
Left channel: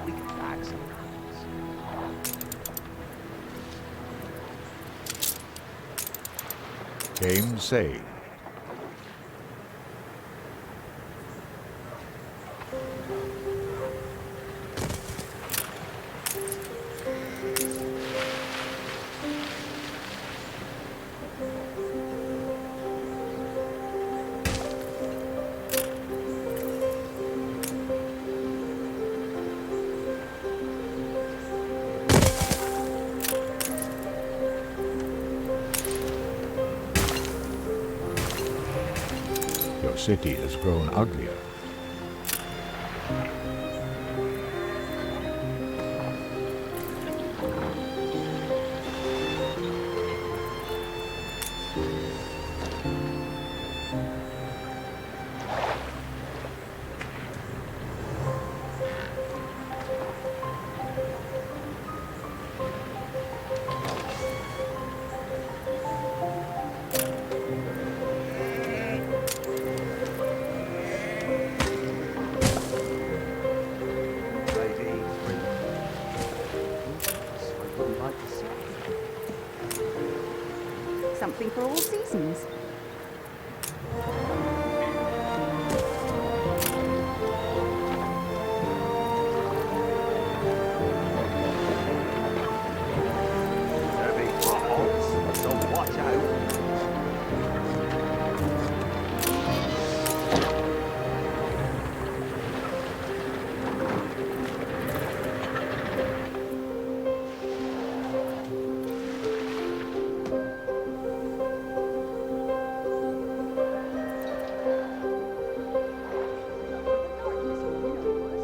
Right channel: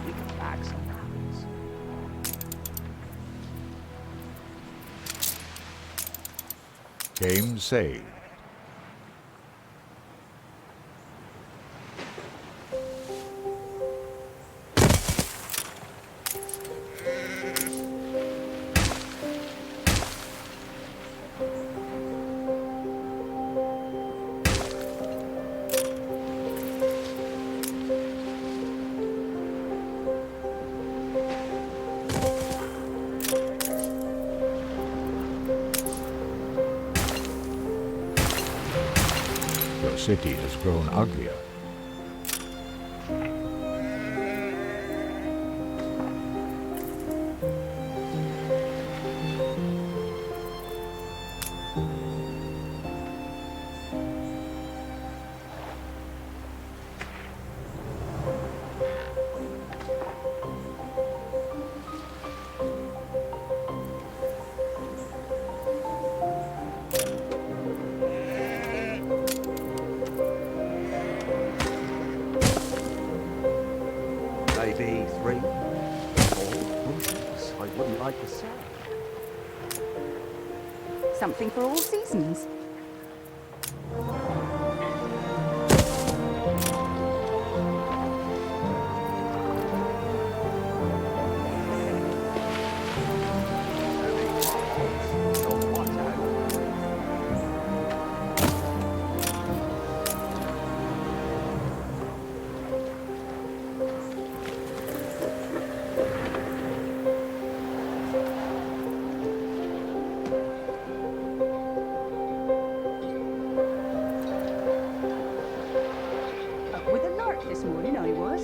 we can bag some rabbits. Game saved. Your city has grown uglier. Maybe 3 or 4. I wouldn't like to say. Something for all seasons. There'll be potholes, so watch out. Up with a lark this morning, I was.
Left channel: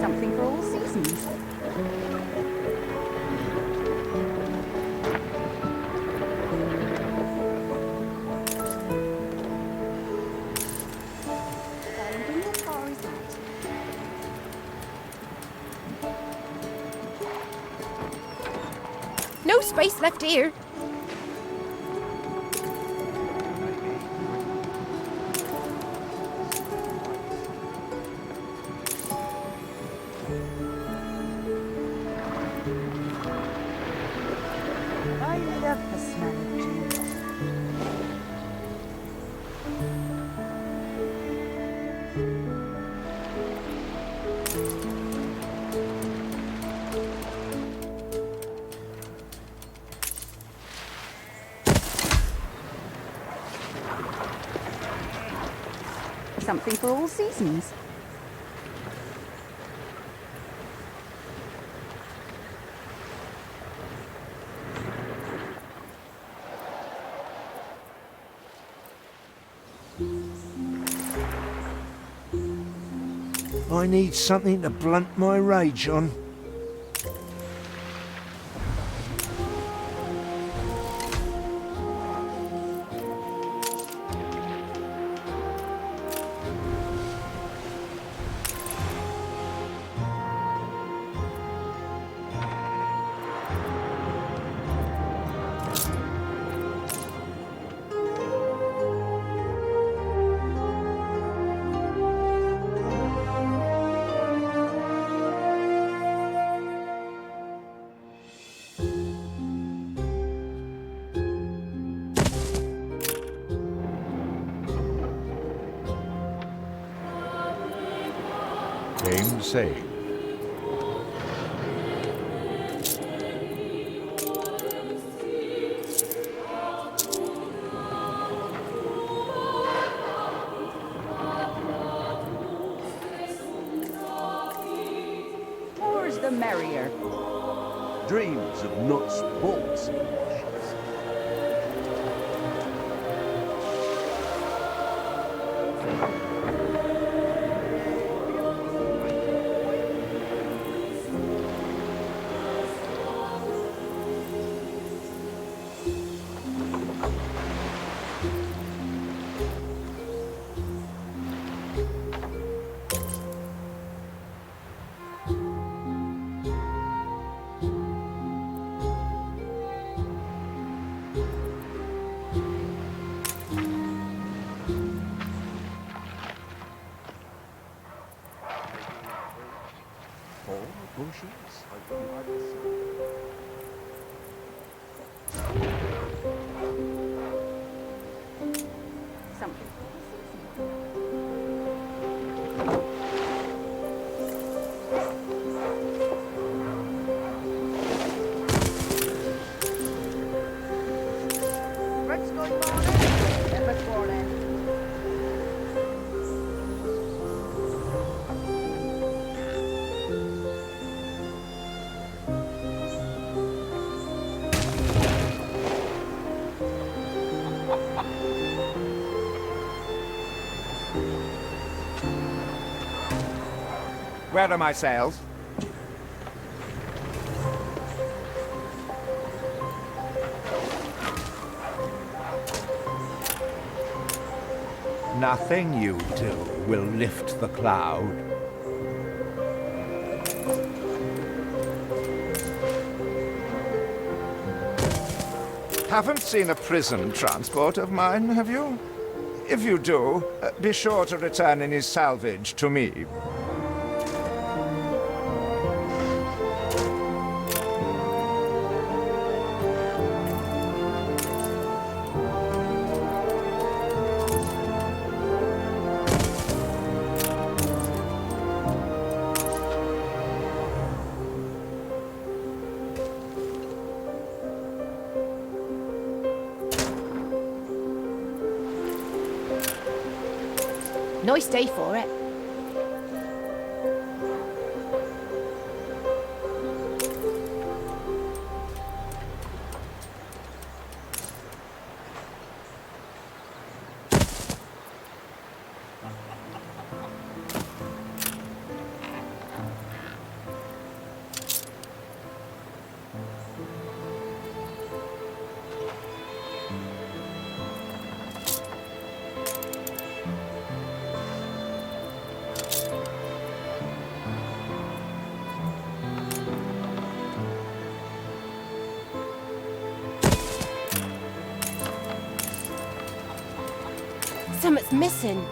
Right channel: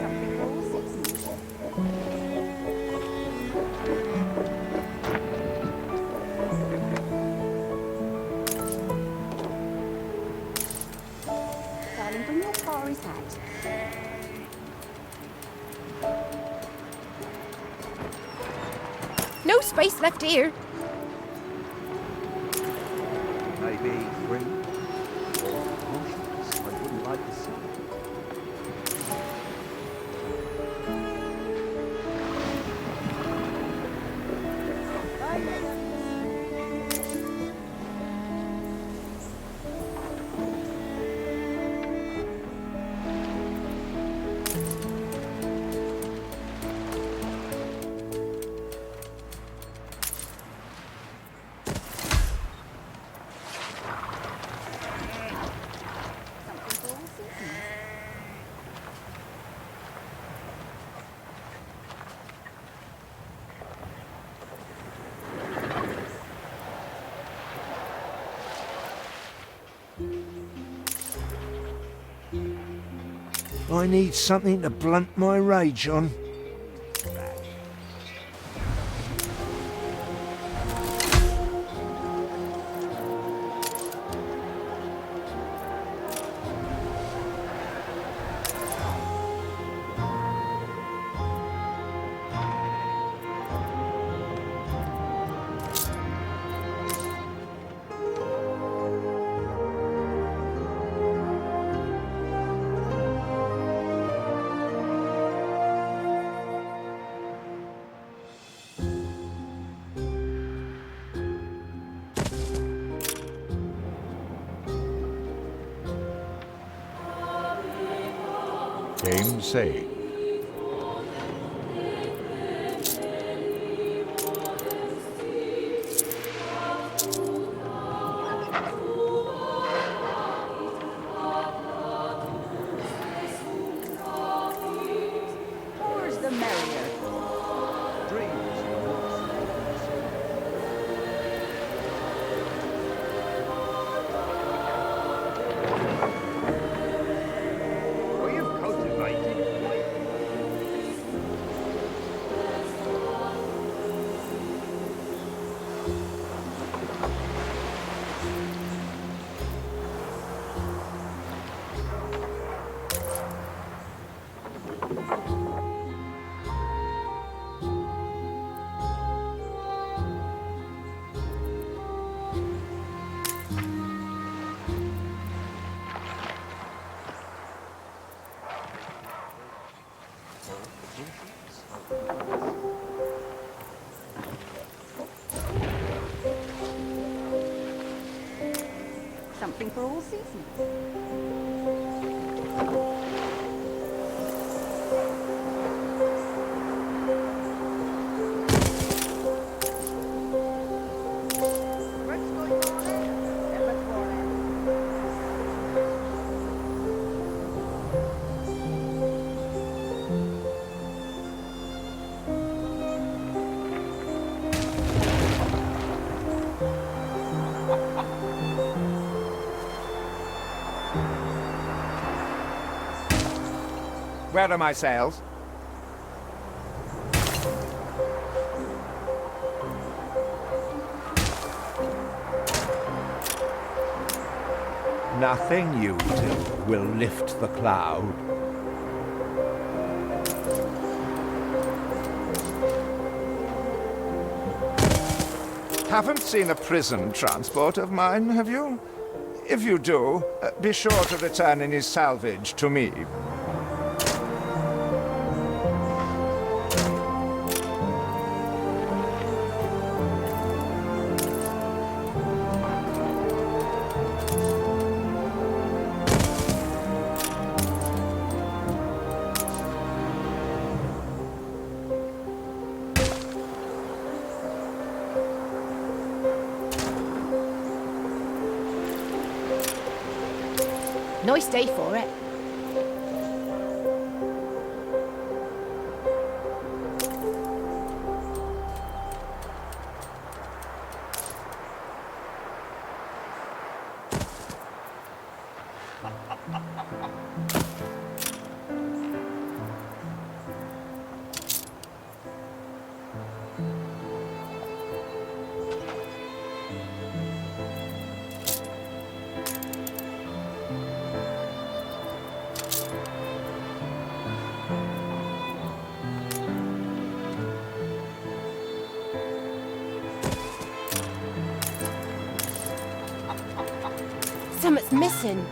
Something for all seasons. Darling, bring your Kari's hat. No space left here. Maybe 3 or 4. I wouldn't like to say. I love the smell of dew. Something for all seasons. I need something to blunt my rage on. say. More's the merrier. Dreams of nuts, bolts. Oh, you've cultivated, boy. All the bushes. I wouldn't like to see. Something for all seasons. What's going on? What's warning? Where are my sails? Nothing you do will lift the cloud. Haven't seen a prison transport of mine, have you? If you do, be sure to return any salvage to me. Nice day for it. Something's missing.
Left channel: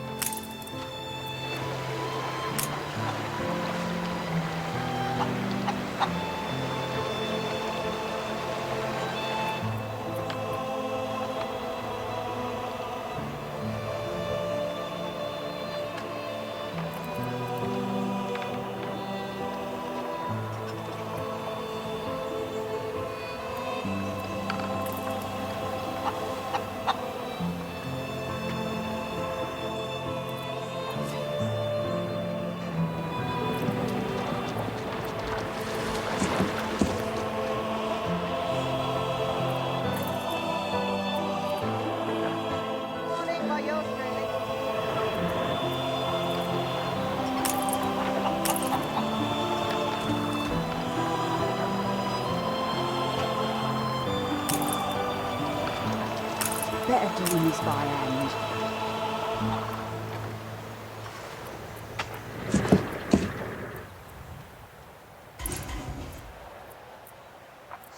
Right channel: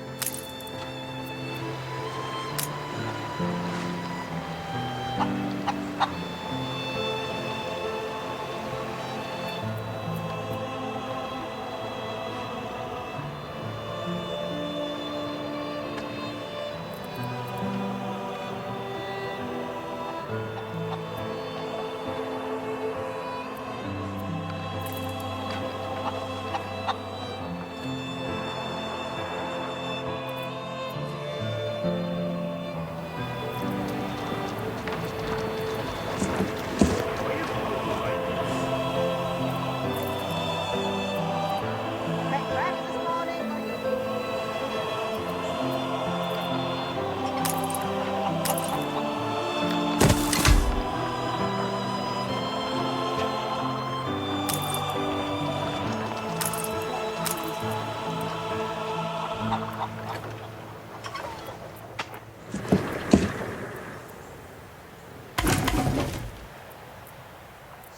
Better doing this by hand.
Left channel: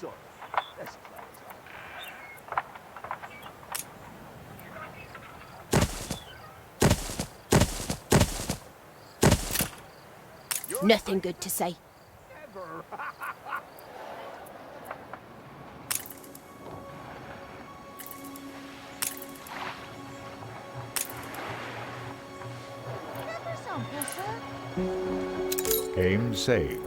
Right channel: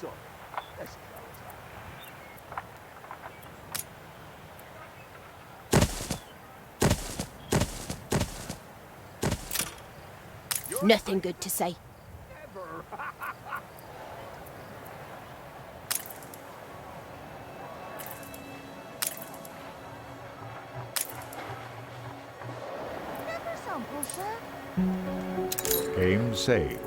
So, let's close up. Nothing good to say. Never. Never sample, sir. Game saved.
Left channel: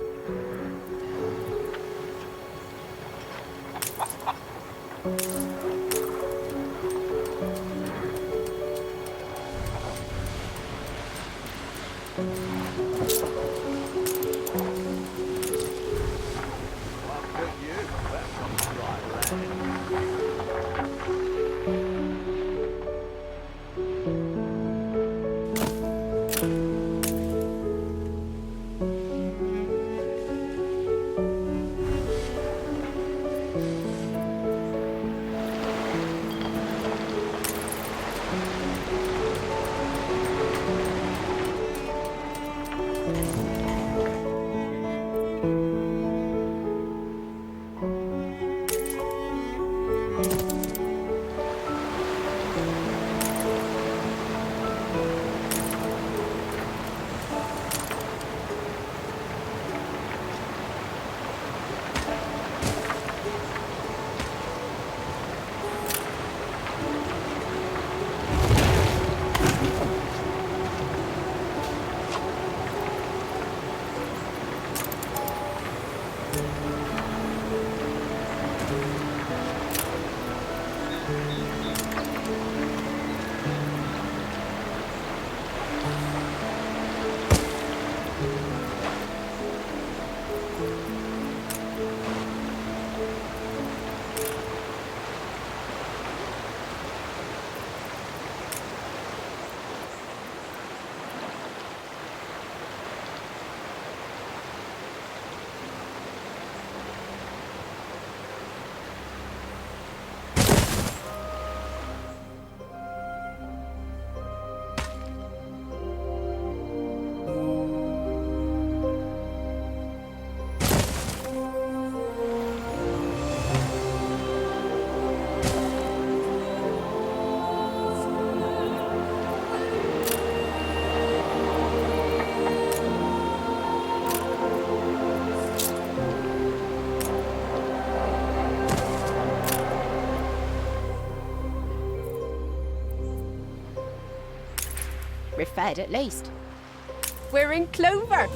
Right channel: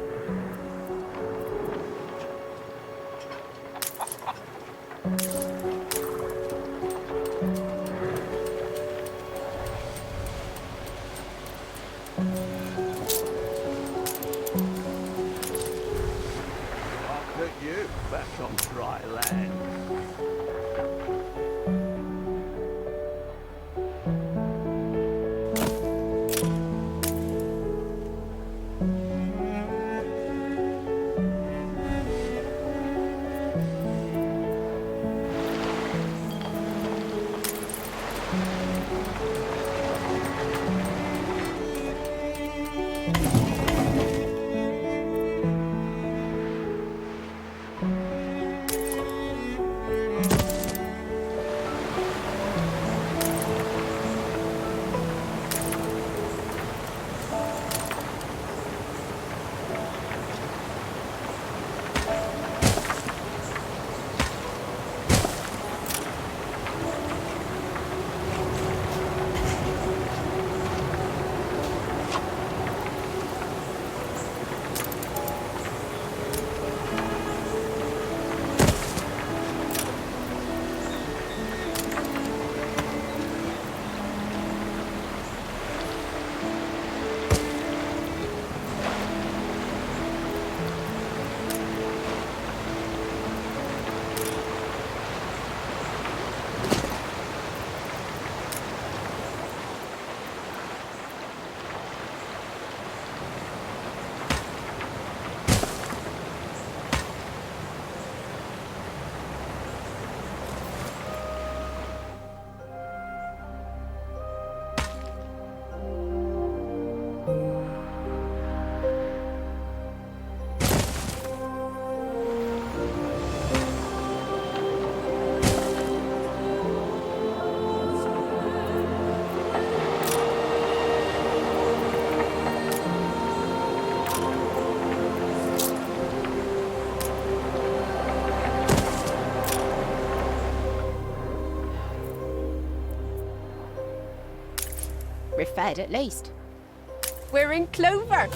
I'll put you back on dry land. We're fed at least. We're in clover.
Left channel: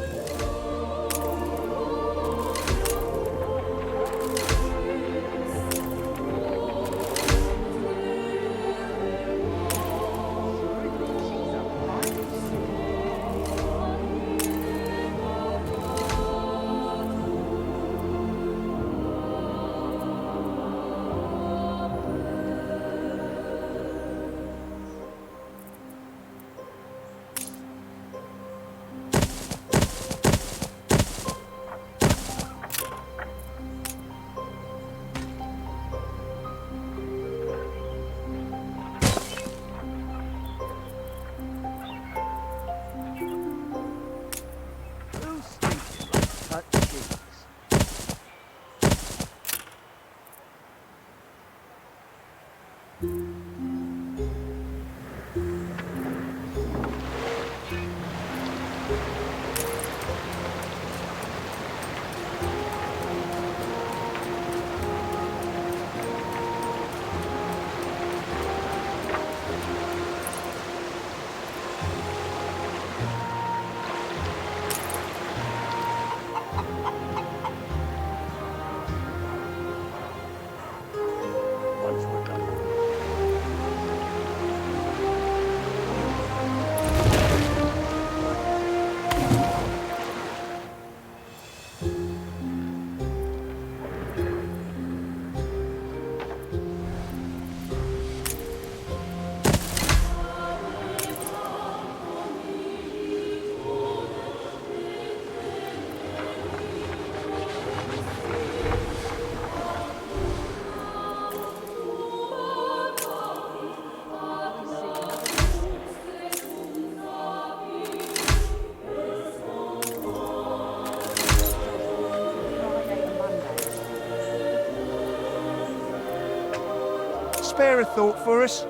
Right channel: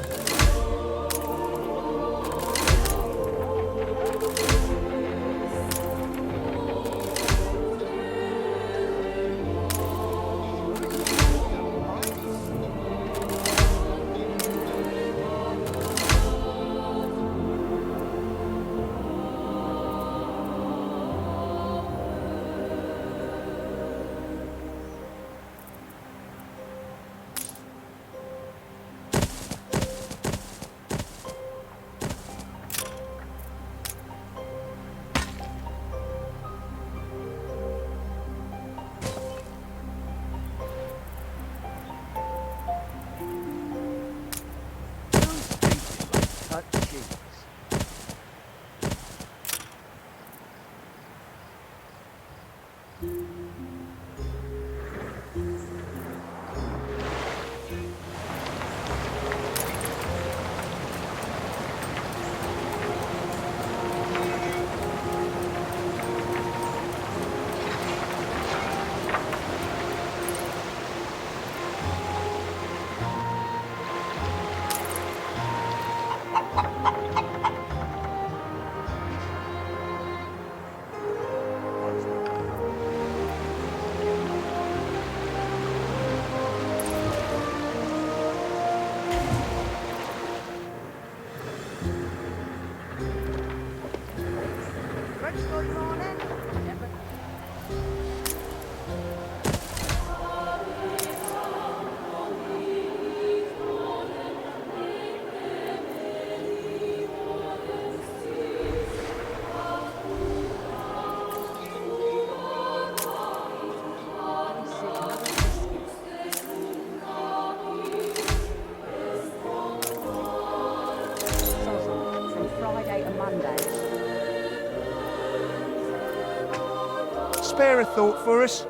Spare a thought for us?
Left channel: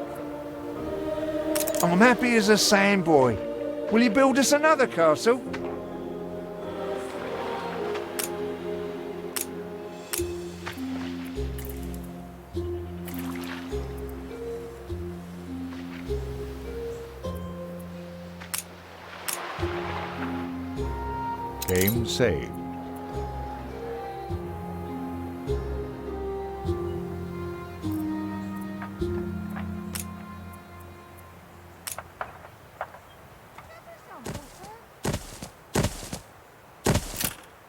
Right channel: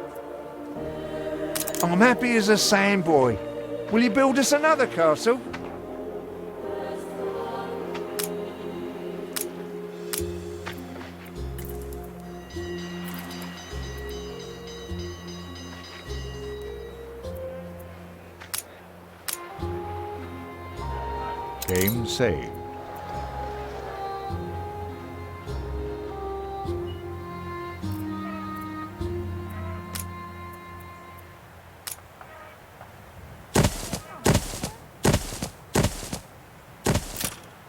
I'm happy as a sandboy. Will you build us another castle? Shame saved.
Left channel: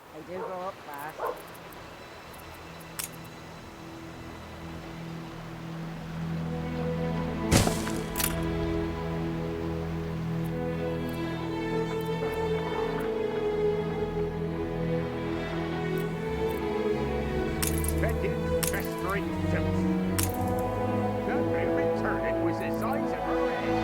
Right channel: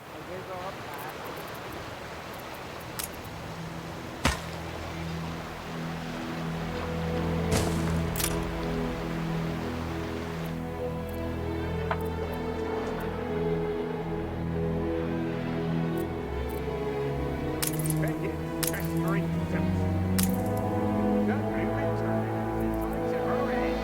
They do go up fast. Fetid, festering filth. That moving turnip was the size of her head.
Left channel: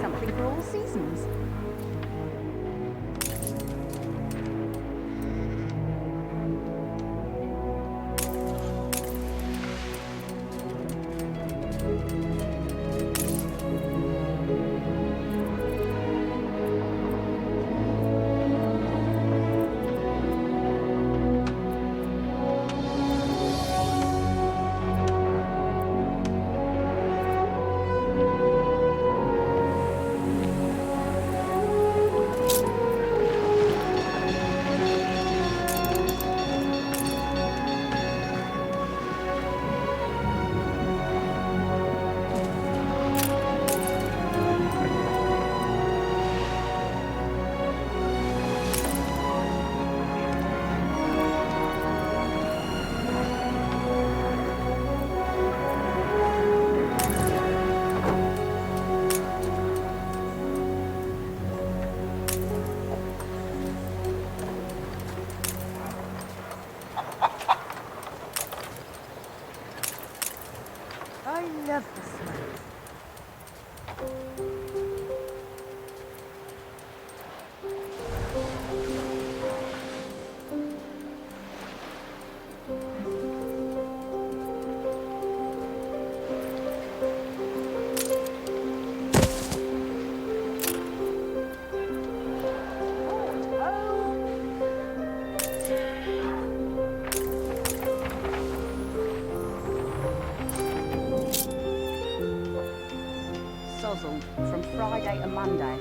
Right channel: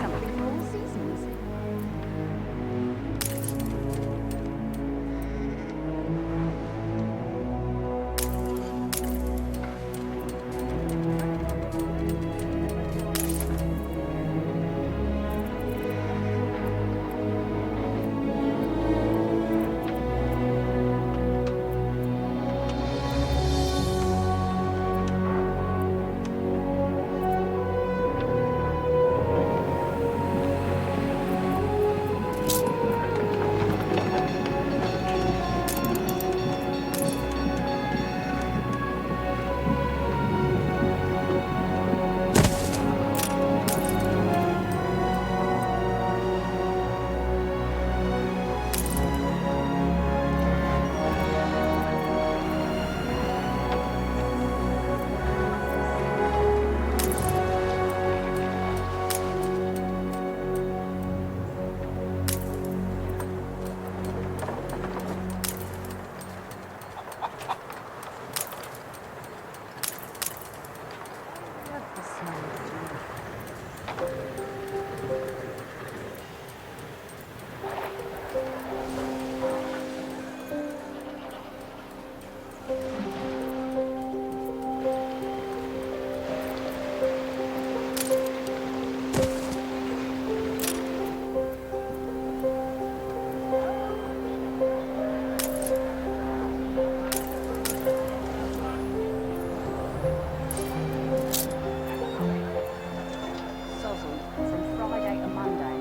Something for all seasons. I love the smell. Sozzle from Friday to Monday.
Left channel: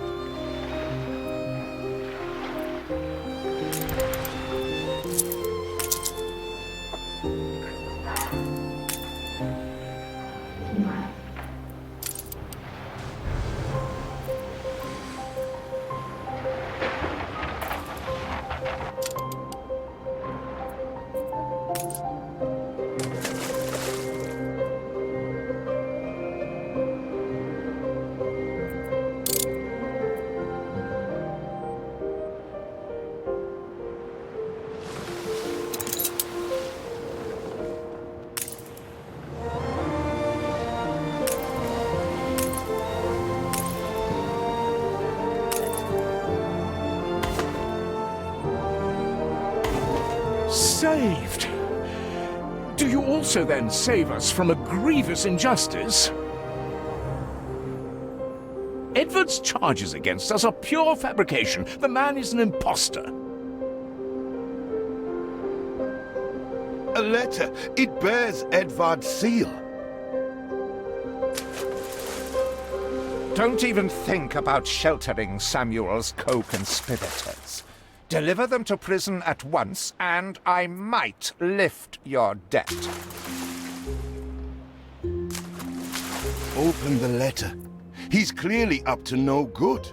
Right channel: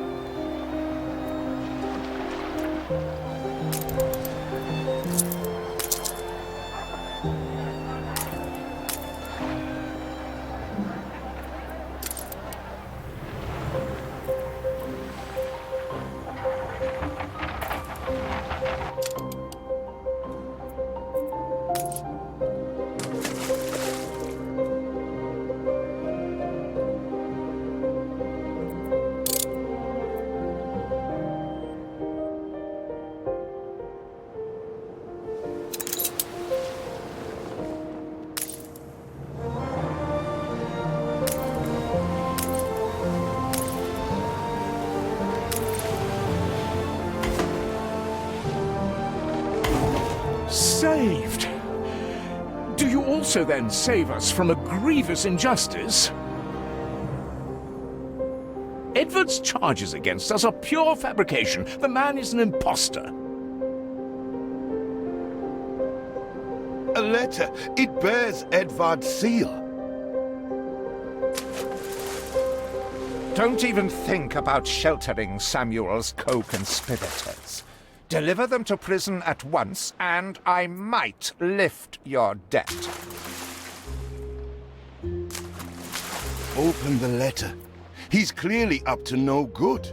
Saved! Do you also then save us from a grievous injustice? Edward's charges against us are pure fabrication. The man is an impostor. A letter. It bears Edvard's seal. Don't even think about sheltering Samuel's co-conspirators. Deliver them to prison at once, and I might lift your debt. Open the letter. He's clearly up to no good.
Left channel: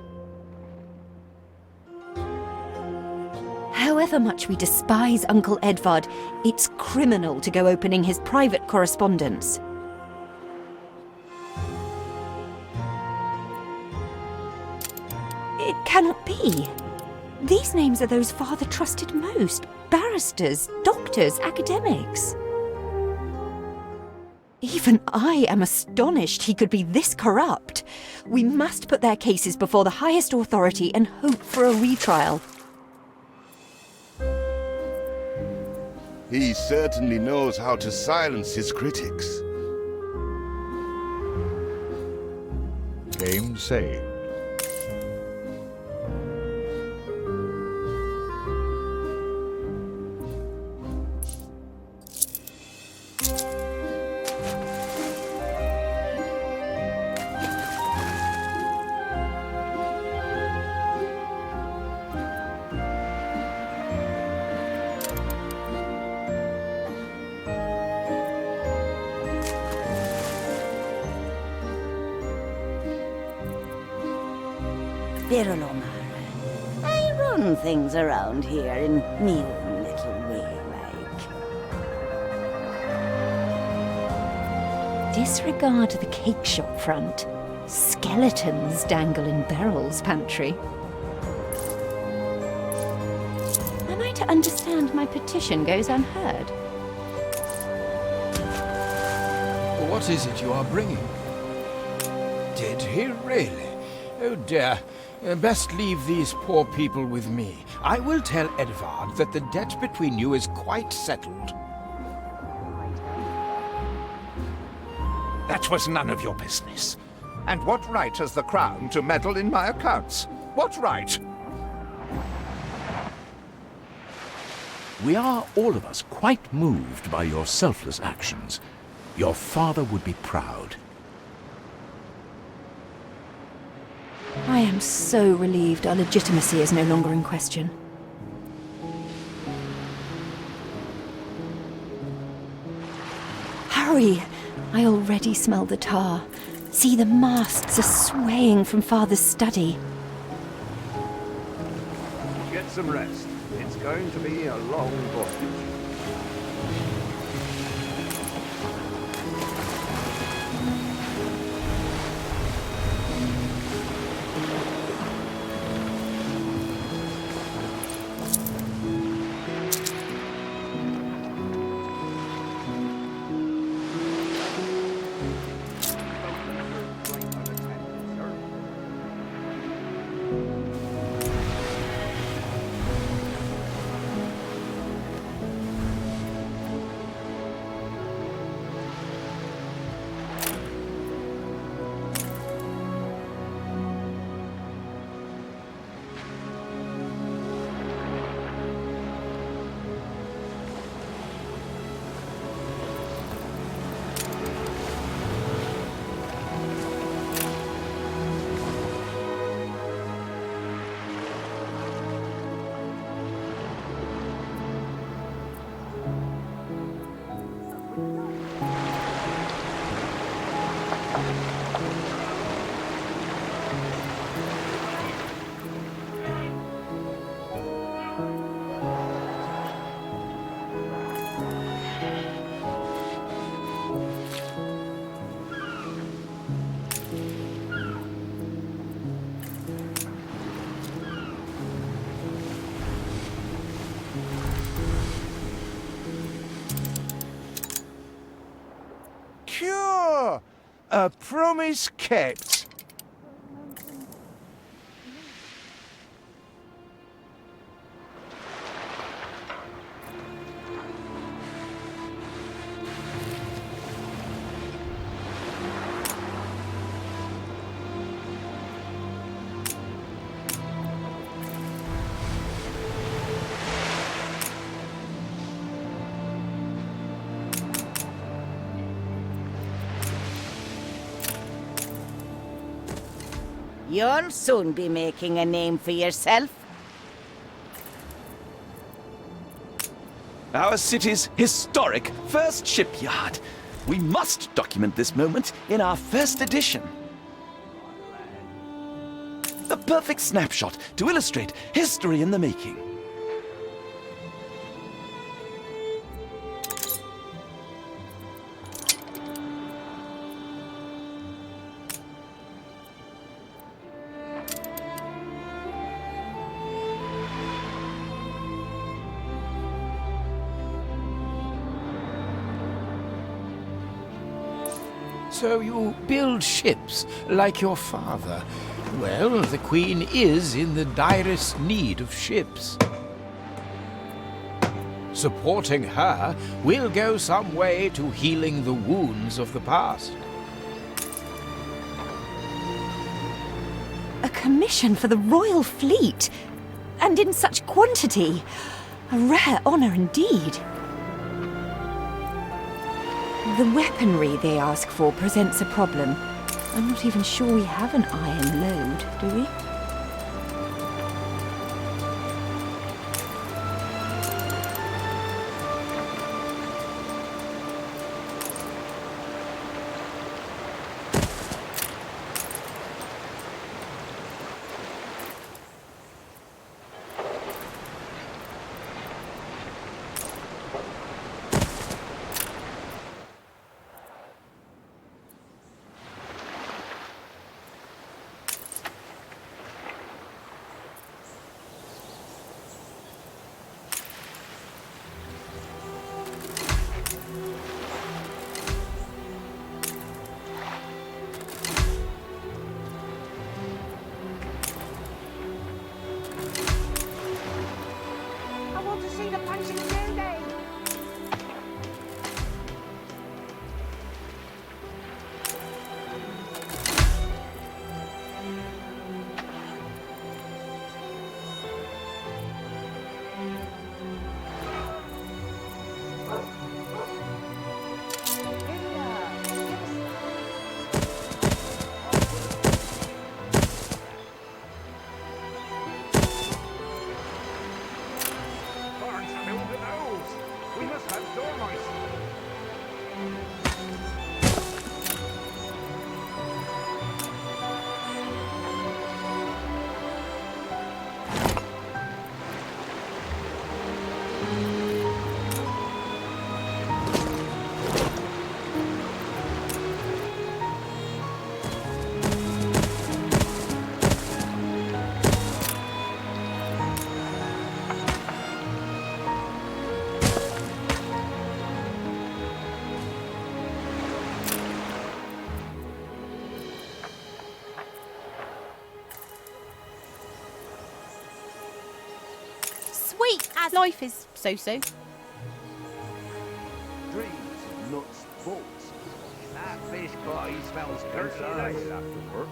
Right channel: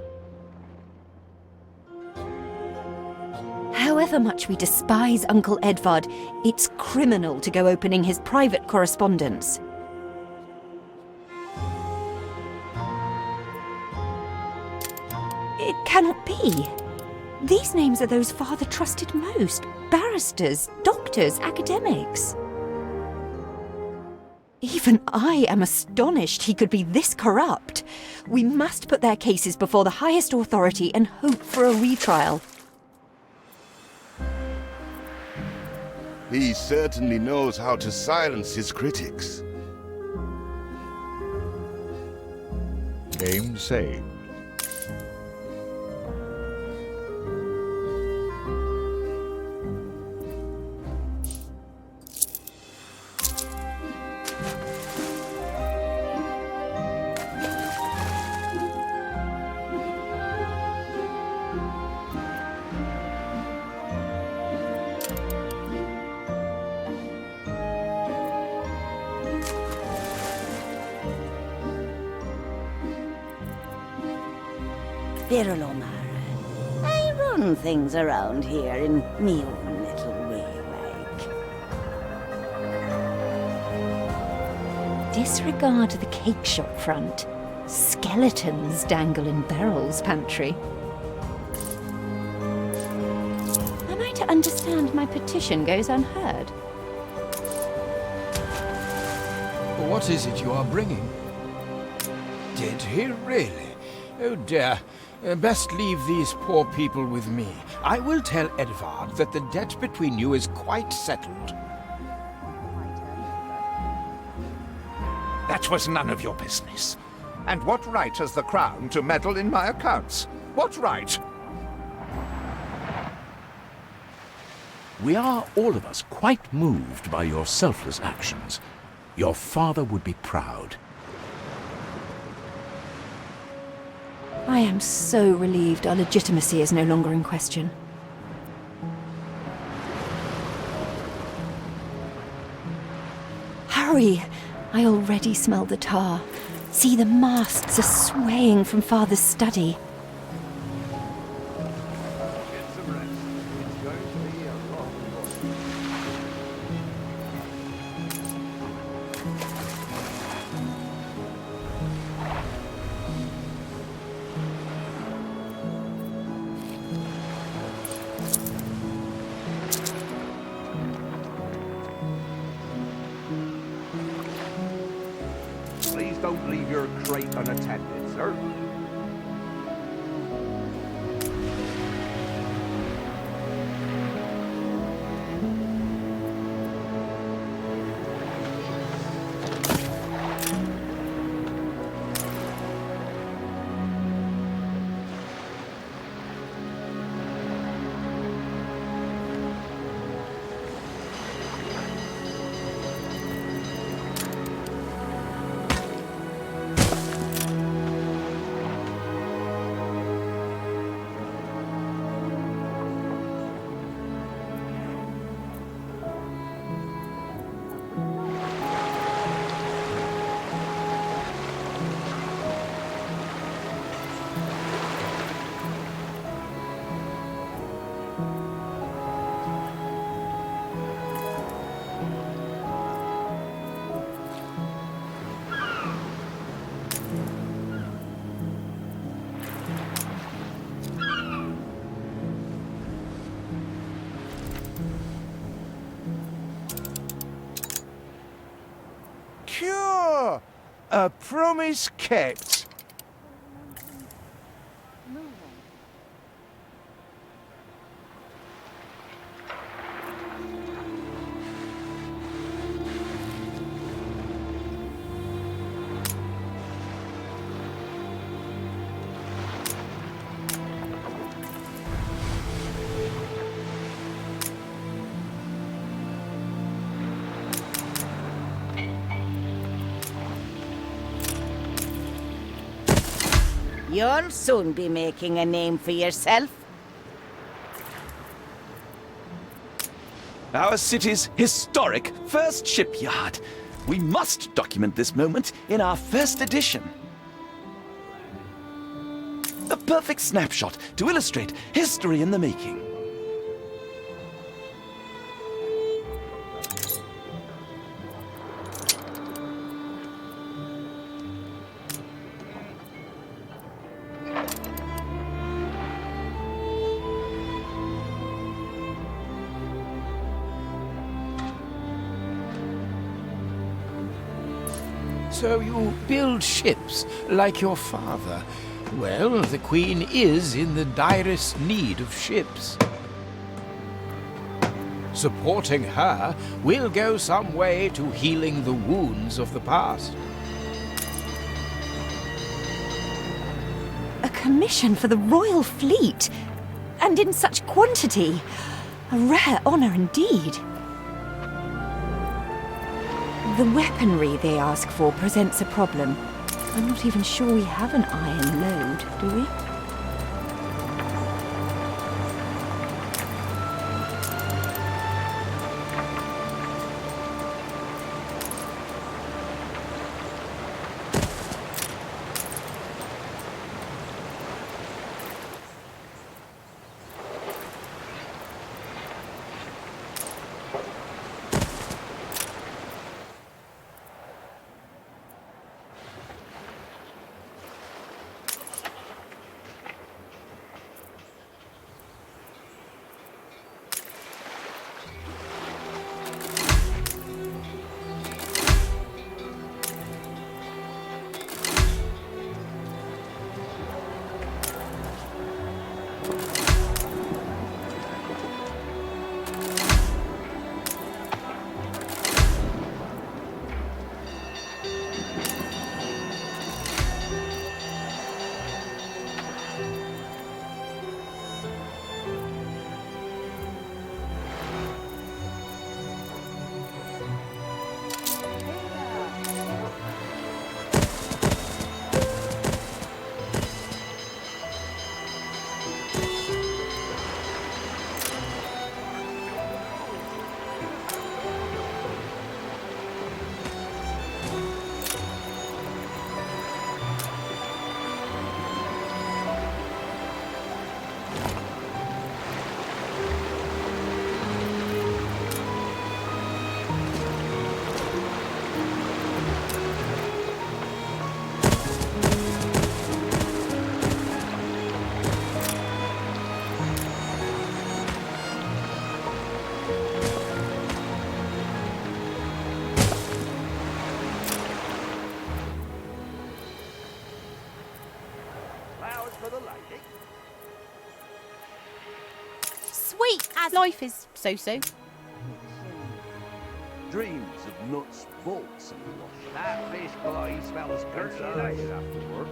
However much we despise Uncle Edvard, it's criminal to go opening his private correspondence. It cannot be. These names are those Father trusted most. Barristers, doctors, academics. Even I am astonished he could be this corrupt. We must put their cases before the highest authority and hope for a retrial. He certainly knows how to silence his critics. Game saved. Birlomara. I run things around here in me own little way, like. Disregard the cake shop front. Skeletons dangle in Beryl's pantry. Am I to understand my petition goes unheard? What is it you are bringing? Did he really? Oh dear. Best leave these poor people with me. I will tell Edvard that the debt between you is quite settled. That was none of your business. And what right has the Crown to meddle in my accounts? What right? We are, all of us, quite moved by your selfless actions. Your father would be proud. I am so relieved our legitimacy is no longer in question. Hurry! I already smell the tar. See, the masts are swaying from Father's study. Get some rest. It's going to be a long voyage. Please don't leave your crate unattended, sir. Cure! A promise kept. You'll soon be making a name for yourself. Our city's historic first shipyard. We must document this moment in our first edition. A perfect snapshot to illustrate history in the making. So you build ships like your father. Well, the Queen is in the direst need of ships. Supporting her will go some way to healing the wounds of the past. A commission for the Royal Fleet, and in such quantity. A rare honor indeed. The weaponry they ask for presents a problem. I'm not even sure we have an iron load, do we? Sweet as life is so-so. Dreams of nuts, bolts, and wash. That fish pie smells dirty now. You'll have to work.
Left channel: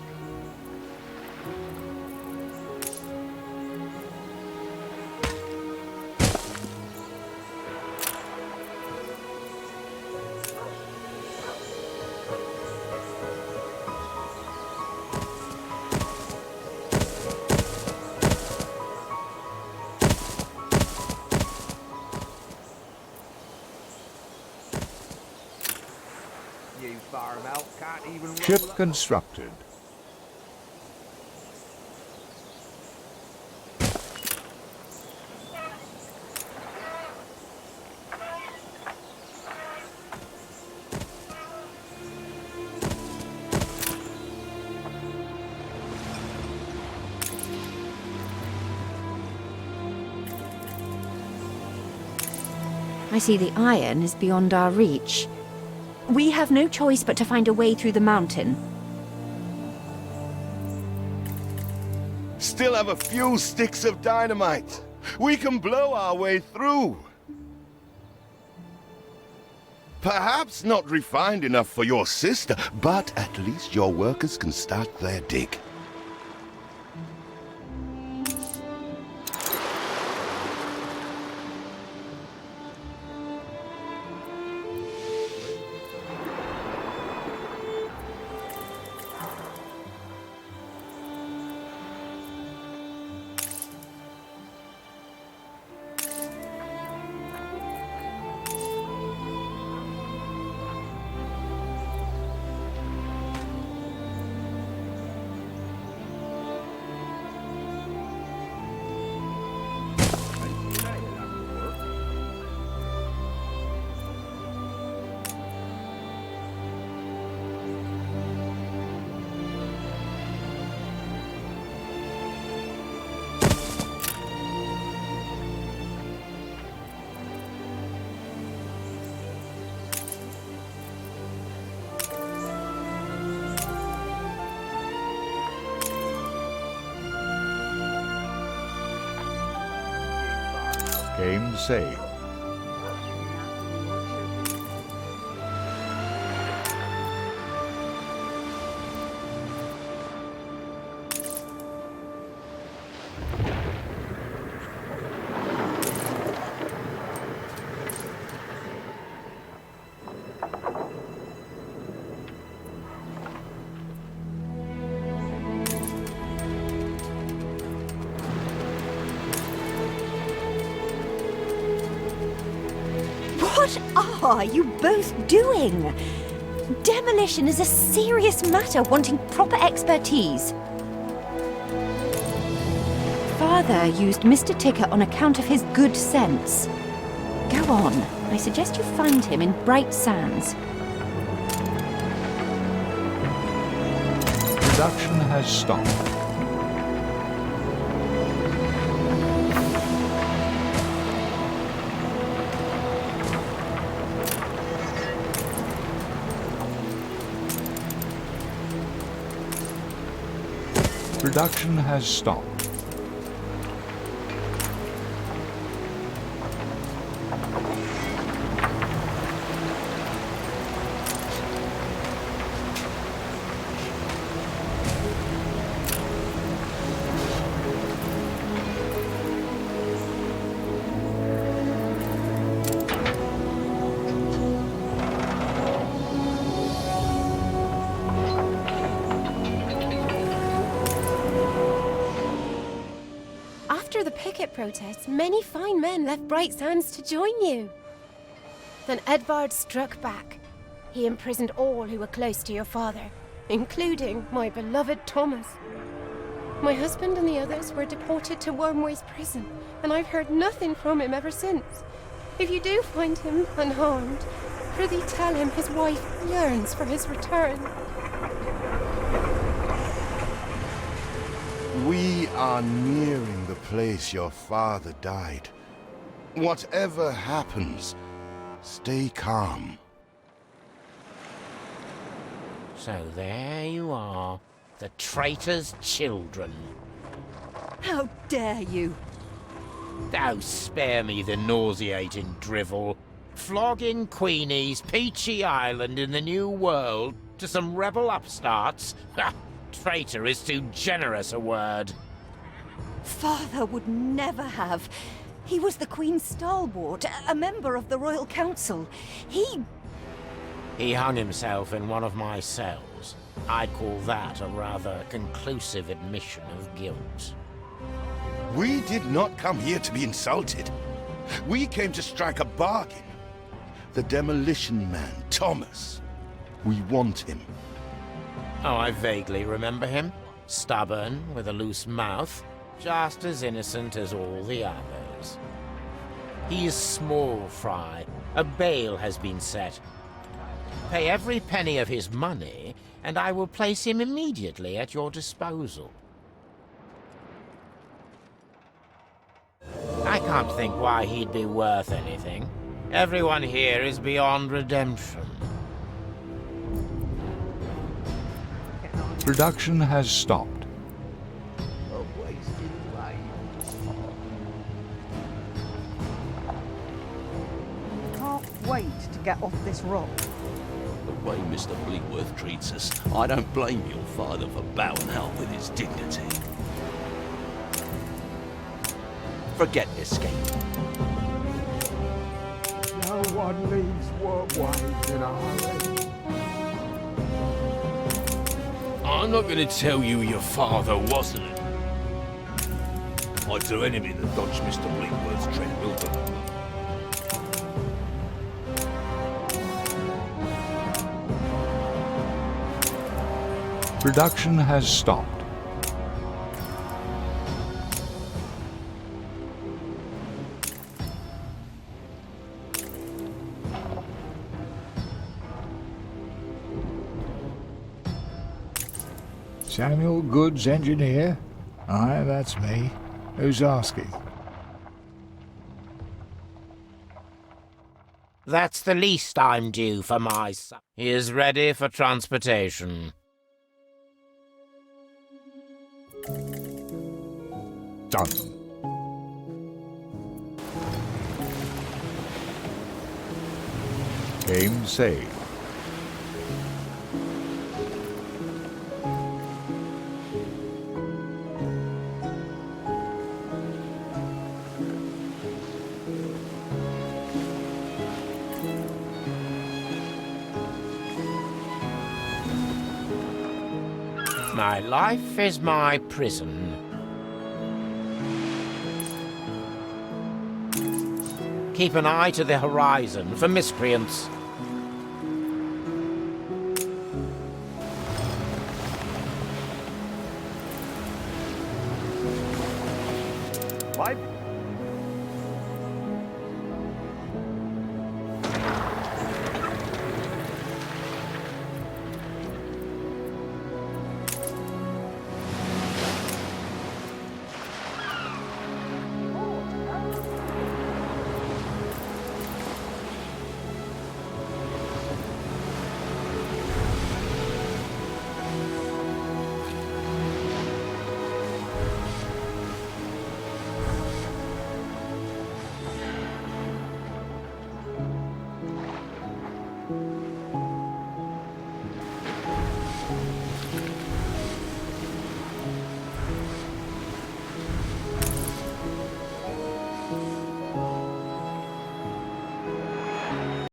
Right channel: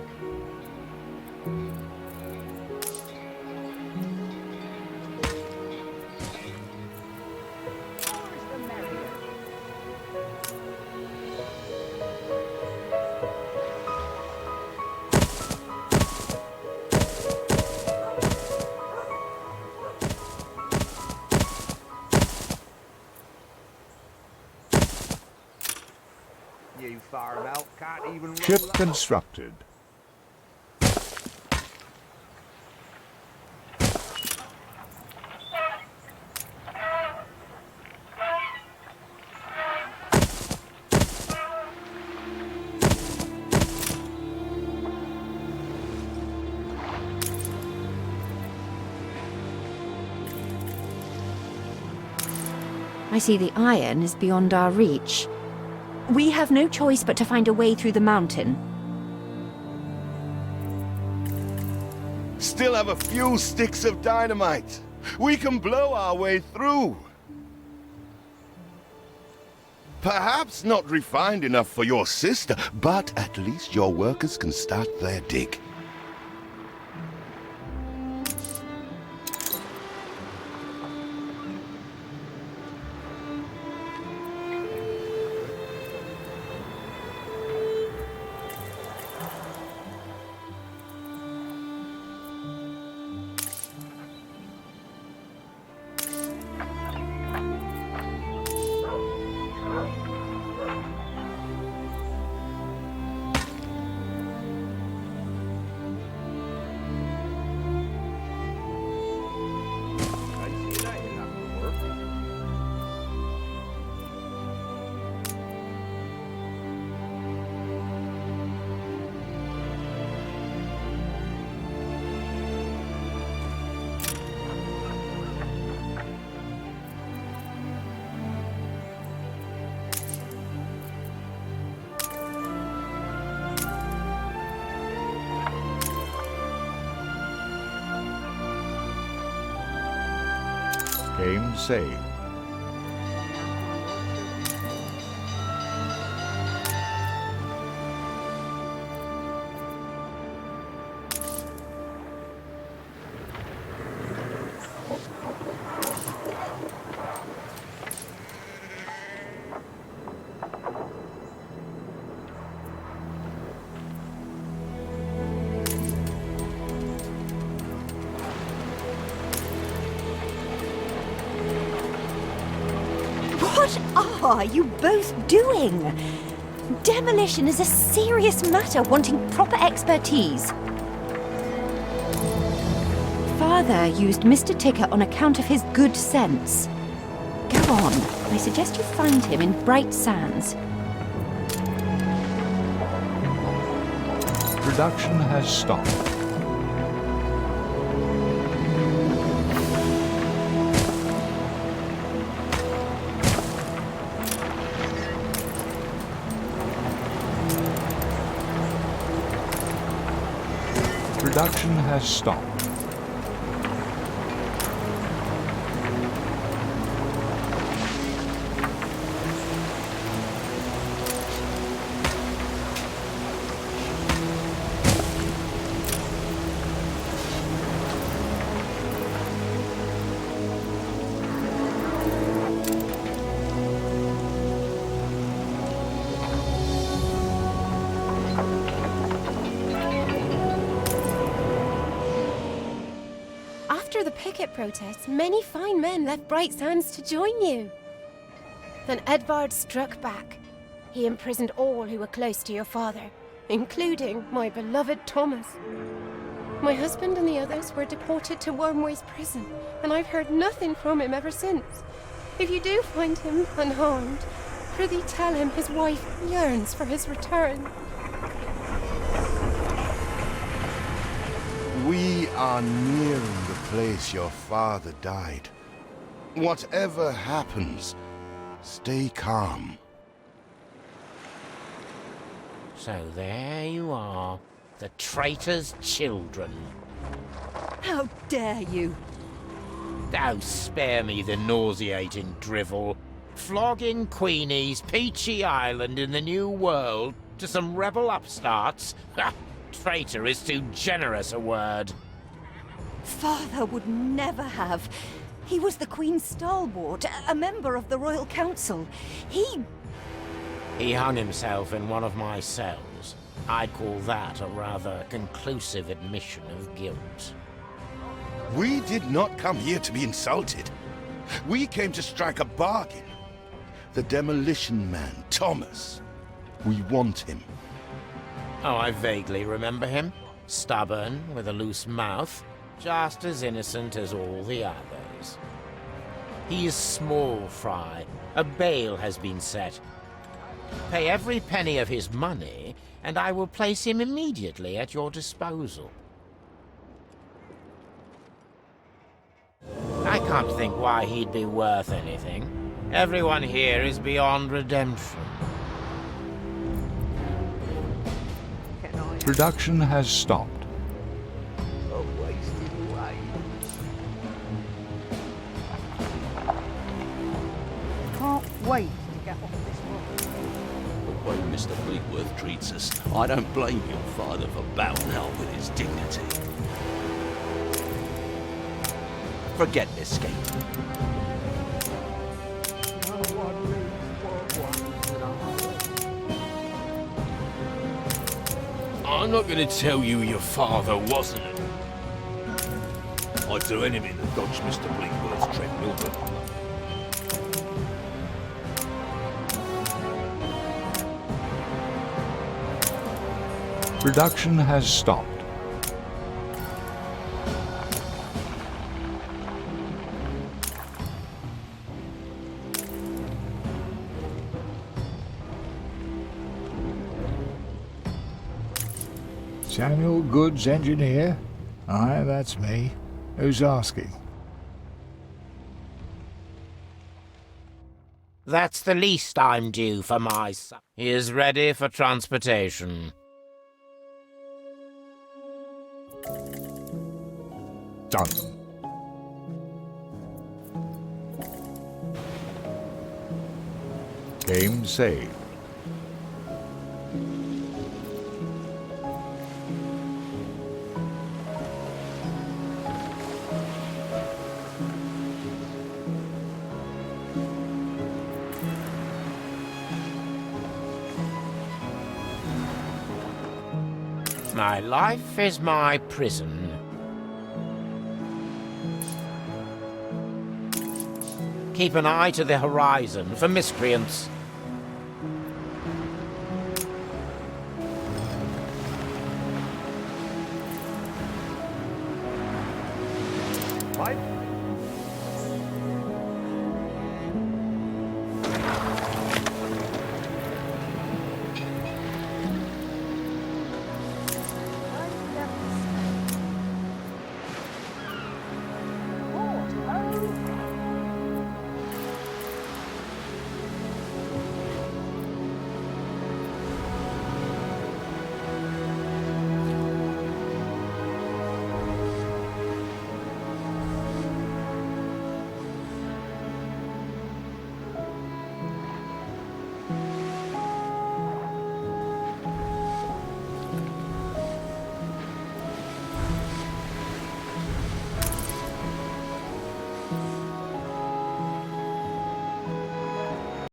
You farm out can't even roll Ship up. constructed. I see the iron is beyond our reach. We have no choice but to find a way through the mountain. Still have a few sticks of dynamite. We can blow our way through. Perhaps not refined enough for your sister, but at least your workers can start their dig. Game saved. What are you both doing? Demolition is a serious matter wanting proper expertise. Father used Mr. Ticker on account of his good sense. Go on. I suggest you find him in Bright Sands. Production has stopped. Production has stopped. After the picket protests, many fine men left Bright Sands to join you. Then Edvard struck back. He imprisoned all who were close to your father, including my beloved Thomas. My husband and the others were deported to Wormway's prison, and I've heard nothing from him ever since. If you do find him unharmed, prithee tell him his wife yearns for his return. We are nearing the place your father died. Whatever happens, stay calm. So there you are, the traitor's children. How dare you? Oh, spare me the nauseating drivel. Flogging Queenie's peachy island in the New World to some rebel upstarts? Ha! Traitor is too generous a word. Father would never have. He was the Queen's stalwart, a member of the Royal Council. He hung himself in one of my cells. I'd call that a rather conclusive admission of guilt. We did not come here to be insulted. We came to strike a bargain. The demolition man, Thomas. We want him. Oh, I vaguely remember him. Stubborn, with a loose mouth, just as innocent as all the others. He is small fry. A bail has been set. Pay every penny of his money, and I will place him immediately at your disposal. I can't think why he'd be worth anything. Everyone here is beyond redemption. Production has stopped. A wasted life. Can't wait to get off this rock. The way Mr. Bleakworth treats us, I don't blame your father for bowing out with his dignity. Forget escape. No one leaves Wormway in a hurry. I'm not going to tell you your father wasn't it. I'd do anything to dodge Mr. Bleakworth's treadmill, but Production has stopped. Samuel Goods, engineer? Aye, that's me. Who's asking? That's the least I'm due for my son. He is ready for transportation. Done. Game saved. My life is my prison. Keep an eye to the horizon for miscreants. My